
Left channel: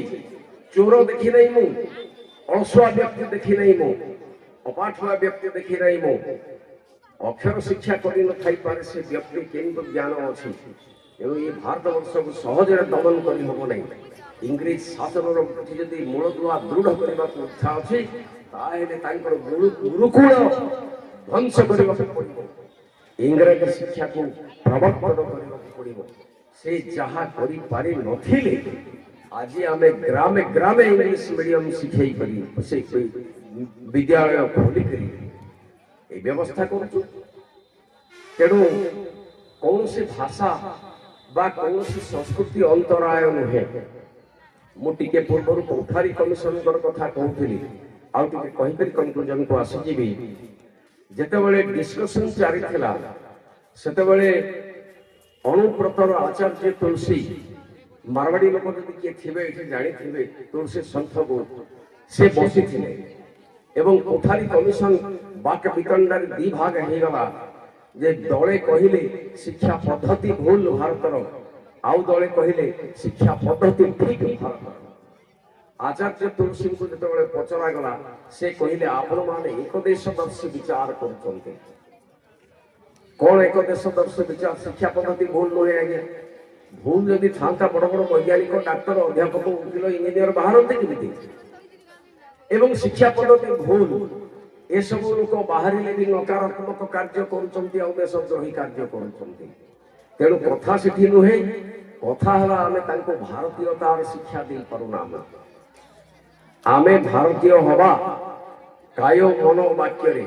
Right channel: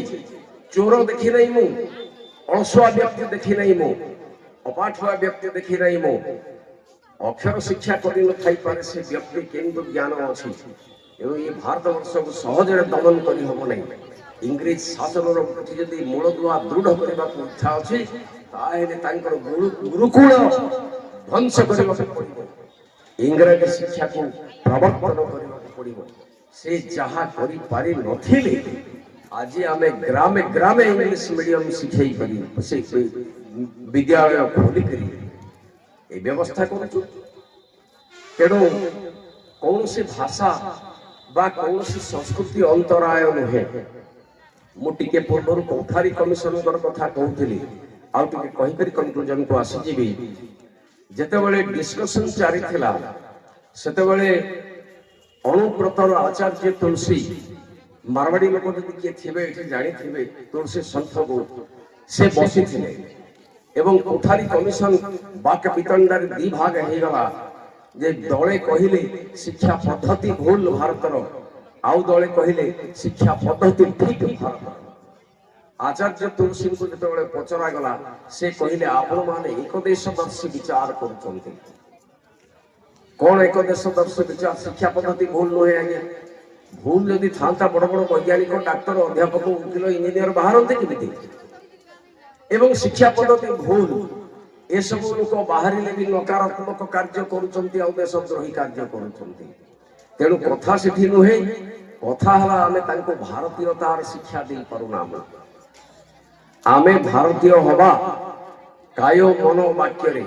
ଚୋର ଦେଖି ନାହିଁ ମୁଁ, ଅଳସୁଆ ବ୍ୟକ୍ତି ଦେଖି ନାହିଁ ମୁଁ, ଅପାଠୁଆ ବ୍ୟକ୍ତି ଦେଖି ନାହିଁ ମୁଁ, ଅକ୍ଷର ଶିକ୍ଷା କରିନଥାଇପାରେ ସେ ବ୍ୟକ୍ତି କିନ୍ତୁ ଜ୍ଞାନ ଅଛି। ତେଣୁ ଏ ଭାରତବର୍ଷକୁ ସହଜରେ ଦମନ କରିହେବ ନାହିଁ। ଇଂରେଜ ଶାସନର ଯଦି ମୂଳଦୁଆ ଦୃଢ କରିବାକୁ ଇଚ୍ଛା ଅଛି, ତାହେଲେ ତାଙ୍କର ଗୁରୁକୁଳ ଧ୍ୱଂସ କରିବାକୁ ପଡିବ, ଇଂରାଜୀ ଶିକ୍ଷାକୁ ପ୍ରବର୍ତ୍ତନ କରିବାକୁ ପଡିବ। ସେ ଯାହା କରିପାରି ନଥିଲେ, ଆଜି ଆମେ ଗ୍ରାମେ ଗ୍ରାମେ ଇଂଲିଶ ମିଡିୟମ ଶିଖେଇ କରି ସେ ବିଦ୍ୟାଳୟ ଖୋଲିକରି এই ବ୍ୟବସ୍ଥା କରୁଛୁ। ତେଣୁ କୌଣସି ଭାଷା ବା କୌଣସି ସଂସ୍କୃତି ଅନ୍ତରାୟ ନୁହେଁ। ମୁଁ ଟିକେ ପୂର୍ବରୁ କୋଠାରୀ କମିଶନଙ୍କର କଥା କହୁଥିଲି, ଆଉ ଟିକେ କହିକରି କନକ୍ଲୁଜନକୁ ଆସିଯିବି। ଯେତେବେଳେ ଡିସ୍କସନ ଚାଲିଥିଲା ସେତେବେଳେ ଅନୁବ୍ରତର ଆଚାର୍ଯ୍ୟ ତୁଳସୀ, ମାରୱାଡି ଲୋକ ଯଦି କିଏ ଥିବେ ଏଠି ଜାଣିଥିବେ ତୁଳସୀ ସନ୍ଥକୁ, ସେ ବସିଥିଲେ ଏବଂ କୋଠାରୀ କମିଶନ ବାକ ବିତଣ୍ଡାରେ ଦି ଭାଗ ହେଇଗଲା। ଯେ ଦଳେ କହିଲେ ଶିକ୍ଷା ପଦ୍ଧତି ଭୁଲ ଭାରତର, ଆଉ ଦଳେ କହିଲେ ଶିକ୍ଷା ପଦ୍ଧତି ଠିକ ଭାରତର। ଆଚାର୍ଯ୍ୟ ତୁଳସୀଙ୍କୁ ଯେତେବେଳେ ପଚରାଗଲା ସେ କହିଲେ ଆପଣମାନେ ଏକଦେଶଦର୍ଶୀ ବିଚାର କରୁଛନ୍ତି। କଣ ଏକଦେଶଦର୍ଶୀ ବିଚାର? ଶିକ୍ଷା ପଦ୍ଧତି ଭୁଲ ନୁହେଁ ଆଜ୍ଞା। ଭୁଲ ଯଦି ଥାନ୍ତା ବଡ ବଡ ବୈଜ୍ଞାନିକ, ଡାକ୍ତର, ଅଧ୍ୟାପକ, ଉକିଲ, ଇଞ୍ଜିନିୟର ବାହାରନ୍ତି କେମିତି? ଏବଂ ଶିକ୍ଷା ପଦ୍ଧତି ଭୁଲ, ଏସବୁ ଲୋକ ବାହାରିଲେ ବି ନକାରାତ୍ମକ କାର୍ଯ୍ୟ କରୁଛନ୍ତି ଆଉ ଦେଶଦ୍ରୋହୀ କାର୍ଯ୍ୟ କରୁଛନ୍ତି। ତେଣୁ କଥା ସେଠି ନୁହେଁ, କଥା ହେଲା ଆମେ ତାଙ୍କୁ ଭାରତୀୟତାର ଶିକ୍ଷା ଦେଇପାରୁନାହୁଁ। ଆମେ ଭାରତୀୟ ହବା କାୟ ମନ ବାକ୍ୟରେ।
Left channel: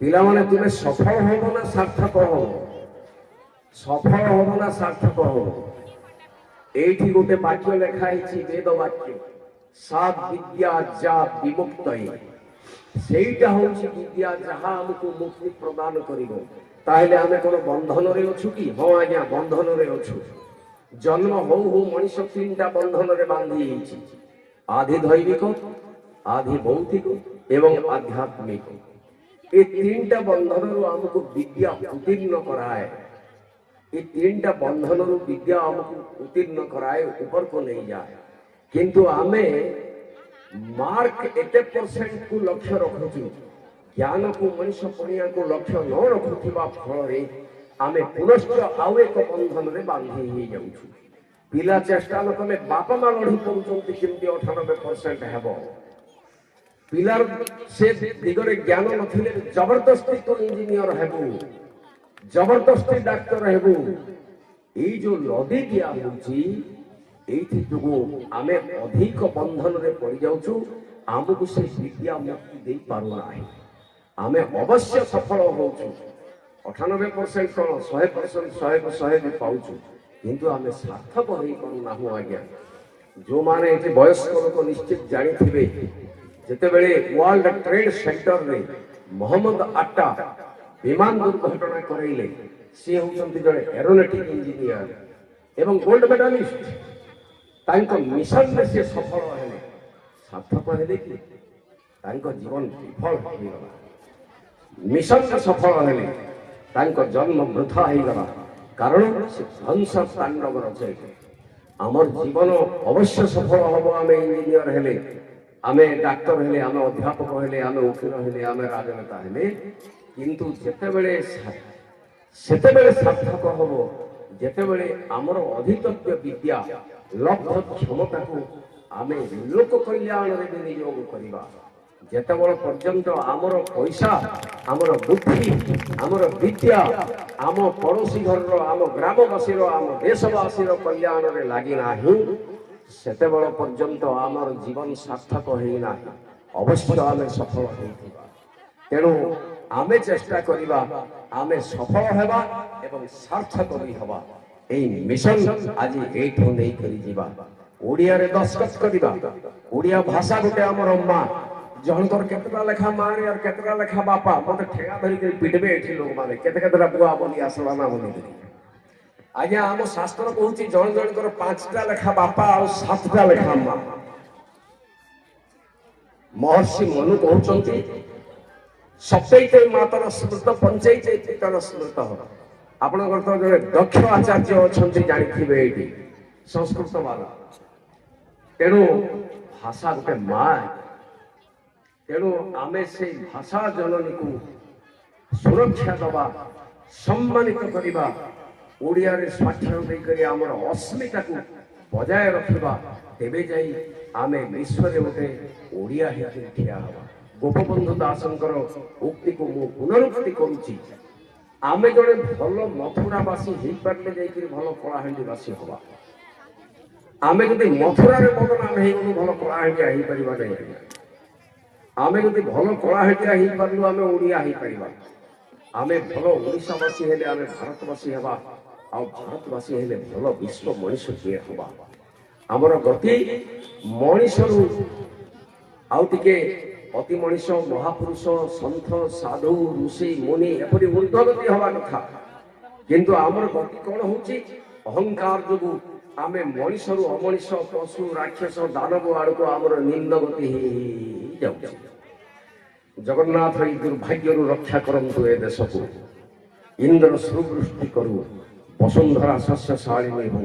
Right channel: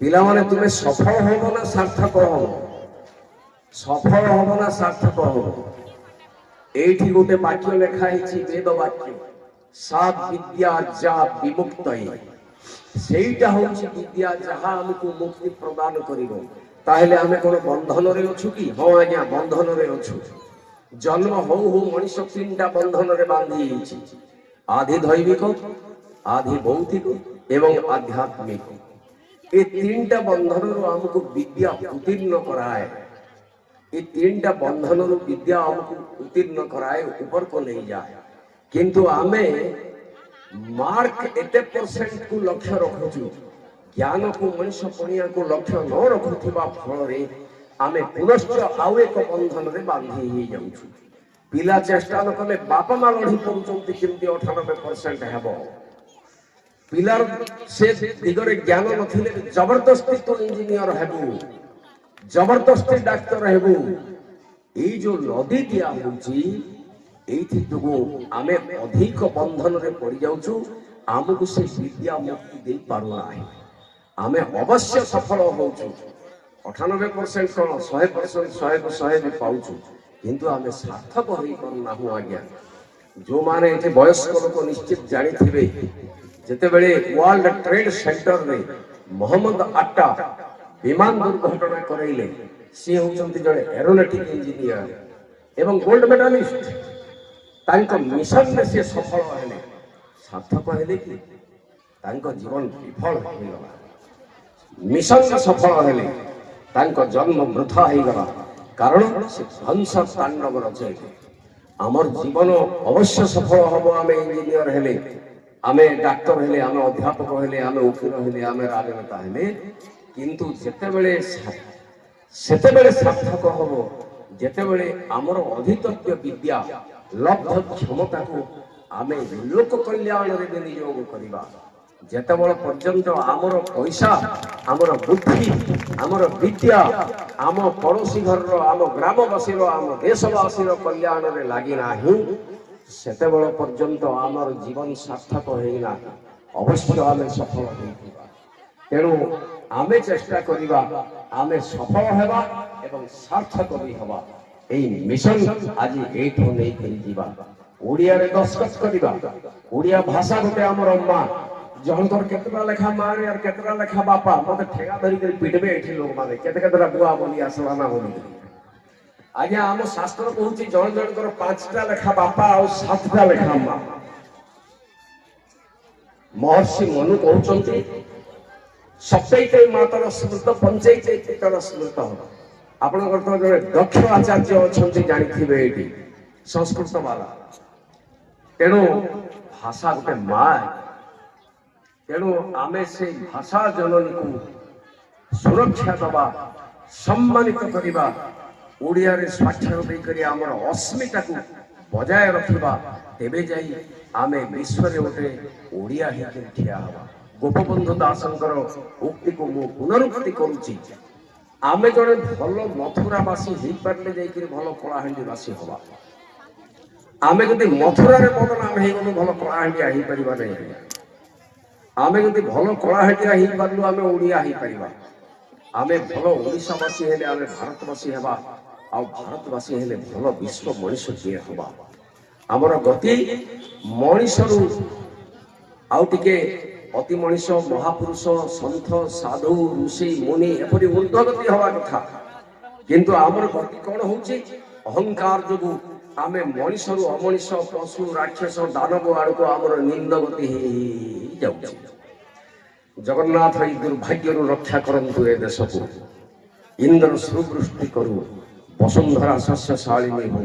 ପିଲାମାନେ ତୁମେ ସଫଳ ହବ ନା ସାର୍ଥକ ହବ? ସଫଳ ହବ ନା ସାର୍ଥକ ହବ? ଏଇଠି ଗୋଟେ ବାକ୍ୟ ଲେଖା ହେଇଛି, ବେଦ ବାକ୍ୟ, ସାତ୍ ବିଦ୍ୟା ଯା ବିମୁକ୍ତ। ସେଇଟା ହଉଛି ବିଦ୍ୟା ଯାହା ଆମକୁ ମୁକ୍ତି ପ୍ରଦାନ କରିବ। ତାହେଲେ ଆମେ କଣ ବନ୍ଧନରେ ଅଛୁ କି? ହଁ ଆଜ୍ଞା, ବନ୍ଧନରେ ଅଛୁ। ଜନ୍ମ ହଉ ହଉ ମଣିଷ ତିନିଟା ବନ୍ଧନରେ ବାନ୍ଧି ହେଇଛି, ଆଧି ଦୈବିକ, ଆଧି ଭୌତିକ ଏବଂ ଆଧ୍ୟାତ୍ମିକ। ଏ ତିନିଟା ବନ୍ଧନରୁ ଆମକୁ ବିଦ୍ୟା ଉତ୍ତୀର୍ଣ୍ଣ କରାଏ। ଏ ତିନିଟା ବନ୍ଧନରୁ ବିଦ୍ୟା ଆମକୁ ଉତ୍ତୀର୍ଣ୍ଣ କରାଏ, ଉପରକୁ ନେଇଯାଏ। କିନ୍ତୁ ଆମେ ମାର୍କ 80% କୁ ଲକ୍ଷ୍ୟ ରଖୁଛୁ, ଜ୍ଞାନକୁ ମଣିଷ ପଣିଆକୁ ଲକ୍ଷ୍ୟ ନ ରଖୁଥିବା ଫଳରେ ଆମେ ପୁନଶ୍ଚ ଆଉ ଏକ ବନ୍ଧନରେ ବାନ୍ଧି ହେଇଯାଉଛୁ। ପିଲା ଚେଷ୍ଟା ନ କଲେ ବାପା ମା ଲଢି ପଡୁଛନ୍ତି କେମିତି 98% ହେବ। ପିଲାର ସେ ଦିଗରେ ଜ୍ଞାନ ନଥିଲେ ଜବରଦସ୍ତି ତୁ ଇଞ୍ଜିନିୟର ହେବୁ, ଜବରଦସ୍ତି ଡାକ୍ତର ହେବୁ। ଏଇ ଯୋଉ ଲଦି ଦିଆ ହଉଛି, ଏଇଥି ଯୋଗୁଁ ଆମେ ଅଧିକ ବନ୍ଧନରେ ପଡିଯାଉଛୁ। ଆମକୁ ସେ ବିଦ୍ୟା ମୁକ୍ତି ଦେଇ ପାରୁନାହିଁ। ଆମେ ଅବଶ୍ୟ ସଫଳ ହଉଛୁ, 98% କଣ 100%, 100କୁ 100 ବି ପାଉଛୁ, କିନ୍ତୁ ଆମେ ସାର୍ଥକ ହେଇପାରୁନାହୁଁ ଆଜ୍ଞା। ଯୋଉମାନେ ଏଠି ବୟସ୍କ ଲୋକ ନିଶ୍ଚିତ ଜାଣିଥିବେ, ଯେତେବେଳେ ୱାର୍ଲଡ ଟ୍ରେଡ୍ ସେଣ୍ଟରରେ ମହମ୍ମଦ ଆଟ୍ଟା ବିମାନ ଦୁର୍ଘଟଣା କରାଇଲେ, ସିଏ ହେଉଛନ୍ତି ଜଣେ ଏରୋନଟିକ୍ ଇଞ୍ଜିନିୟର ଏବଂ ଗୋଲ୍ଡ ମେଡାଲିଷ୍ଟ। ତାଙ୍କ ମିଶନରେ ସିଏ ସଫଳ ହେଲେ, ସାର୍ଥକ ହେଲେ କି? ତାଙ୍କ ଜୀବନ ବିଫଳ ହେଇଗଲା। ମିଶନରେ ସଫଳ ହେଲେ, ତାଙ୍କ ଜନ୍ମ ବୃଥା ହେଇଗଲା, କାରଣ ସେ ଧ୍ୱଂସ ତାଣ୍ଡବ ରଚୟିଲେ। ଆମର ଜୀବନ ଅବଶ୍ୟ ସଫଳ ହବ ଆମେ ଇଞ୍ଜିନିୟର ହେଲେ, ଆମେ ଡାକ୍ତର ହେଲେ, ଆମେ ଅଧ୍ୟାପକ ହେଲେ, ଆମେ ଓକିଲ ହେଲେ, ଆମେ ରାଜନେତା ହେଲେ, କିନ୍ତୁ ସେତେବେଳେ ସାର୍ଥକ ହବ ଯେତେବେଳେ ଆମର ଅଧିତବ୍ୟ ବିଦ୍ୟା ଲବ୍ଧ କ୍ଷମତାକୁ ଆମେ ଲୋକ କଲ୍ୟାଣରେ ବିନିଯୋଗ କରିବା। ଯେତେବେଳେ ପର୍ଯ୍ୟନ୍ତ ଆମର ପଇସା, ଆମର ବୁଦ୍ଧି, ଆମର ବିଦ୍ୟା ଆମ ପଡ଼ୋଶୀ ଘରର, ଆମ ଗ୍ରାମବାସୀର, ଆମ ଦେଶବାସୀର କଲ୍ୟାଣରେ ଲାଗିନାହିଁ, ସେତେବେଳେ ପର୍ଯ୍ୟନ୍ତ ଆମର ଜୀବନ ସାର୍ଥକ ହେଇନାହିଁ। ଅବଶ୍ୟ ଆମେ ସଫଳ ହେଇଥିବା। ତେଣୁ ଆମେ ଚେଷ୍ଟା କରିବା, ଆମେ ସଫଳ ହେବା ଏବଂ ସାର୍ଥକ ବି ହେବା। এই মিশন আজি এইଠୁ ନେଇକରି ଯିବା। ଓଡ଼ିଆରେ ଦସ୍ତଖତ କରିବା। ଓଡ଼ିଆ ଭାଷା ଗୋଟେ ଆମର ମା, ଜଣଙ୍କର କେତେଟା ଲେଖା ମାରେ আর କେତେଟା ଲେଖା ବାପା। ମତେ ଠେଙ୍ଗା ଧରିକରି ପିଟବେ ଏଠି ଲୋକମାନେ, କେତେଟା ବୁଆ ବୋଲି ଆସିବା ନା ବୋଲିକରି। ଆଜ୍ଞା, ଆମ ଶାସ୍ତ୍ର କହୁଛି ଜଣ ଜଣଙ୍କର 5ଟା ଲେଖା ବାପା ଆଉ 7ଟା ଲେଖା ମା। ମହର୍ଷି ମନୁ କହୁଛନ୍ତି ସପ୍ତୈତେ ମାତର ସ୍ମୃତ ପଞ୍ଚୈତେ ପିତର ସ୍ମୃତ। ଆପଣଙ୍କର ତ ଜଣେ ଦକ୍ଷ ଆଚାର୍ଯ୍ୟ ଅଛନ୍ତି ଜାଣିଥିବେ ଏଇଠି, ସଂସ୍କୃତ ବାଲା। ତେଣୁ ଭାଷା ଗୋଟେ ମା। ତେଣୁ ଆମେ ସେଇ ଭାଷା ଜନନୀକୁ ସୁରକ୍ଷା ଦେବା, ସମ୍ମାନିତ କରିବା, ଓଡ଼ିଆରେ ସ୍ୱାକ୍ଷର ଦେଇକରି ଆମର ଅସ୍ମିତାକୁ ବଜାୟ ରଖିବା। ତେବେ ଯାଇ ଆମେ ବିଶ୍ୱରେ ଗୋଟେ ଓଡ଼ିଆ ହେଇକି ଠିଆ ହେବା। ଗୋପବନ୍ଧୁ ଦାସଙ୍କର ଉକ୍ତିକୁ ମୁଁ ପୁନରୁକ୍ତି କରୁଛି, ଆମେ ଜଣେ ଭଲ ମଥୁରାବାସୀ ହେଇପାରିଲେ ଯାଇକରି ଭଲ କଳାହାଣ୍ଡିବାସୀ ହବା। ଆମେ ଯଦି ମଥୁରାରେ ବଦନାମ ହେଇଗଲୁ, ଭଲ କଳାହାଣ୍ଡିଆ ହେଇପାରିବା ନାହିଁ। ଆମେ ଯଦି ଭଲ କଳାହାଣ୍ଡିଆ ହେଇପାରିଲୁ, ଆମେ ଓଡ଼ିଆ ହେଇପାରିବା। आमे भल ओडिशावासी हेले आमे भारतवासी हेबा आ भारतवासी हेले भल विश्व मनुष्य हेबा आमर गति मनुष्य आउ टिके अति मनुष्य महापुरुष सन्थ साधु ऋषि मुनि एपरी ऊर्ध्वगति हवा कथा किंतु आमर गति कौन होची अहंकार जोगु आमे मनुष्य अमनुष्य पशु राक्षस दानव आड़क आमर निंद गति जाउची जगन्नाथ ई दुर्भाग्य रक्षा करंतु ए देश को इंद्र सुवृष्टि करू वसुंधरा शस्यशालिनी हो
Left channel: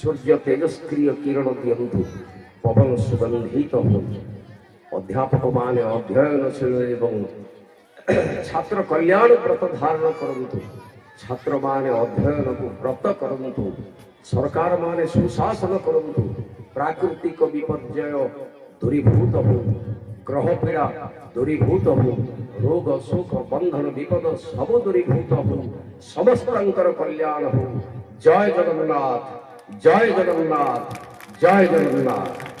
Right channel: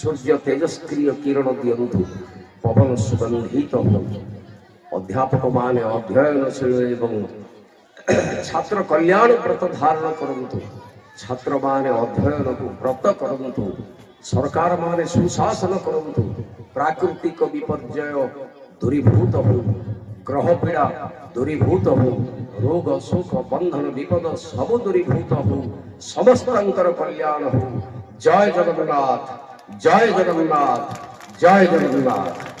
सूर्य तेजस्क्रिय किरण दियंतु पवन सुगंधित हो अध्यापक माने अध्ययनशील एवं छात्र कल्याण व्रत धारण करंतु छात्र माने अध्ययन को व्रत करंतु सरकार माने सुशासन करंतु प्राकृतिक विपर्यय दूरीभूत हो ग्रह पीड़ा दूरीभूत हो रोग शोक बंधन विपद सब दूरीभूत हो समस्तर कल्याण हो जय जगन्नाथ जय जगन्नाथ जय जगन्नाथ।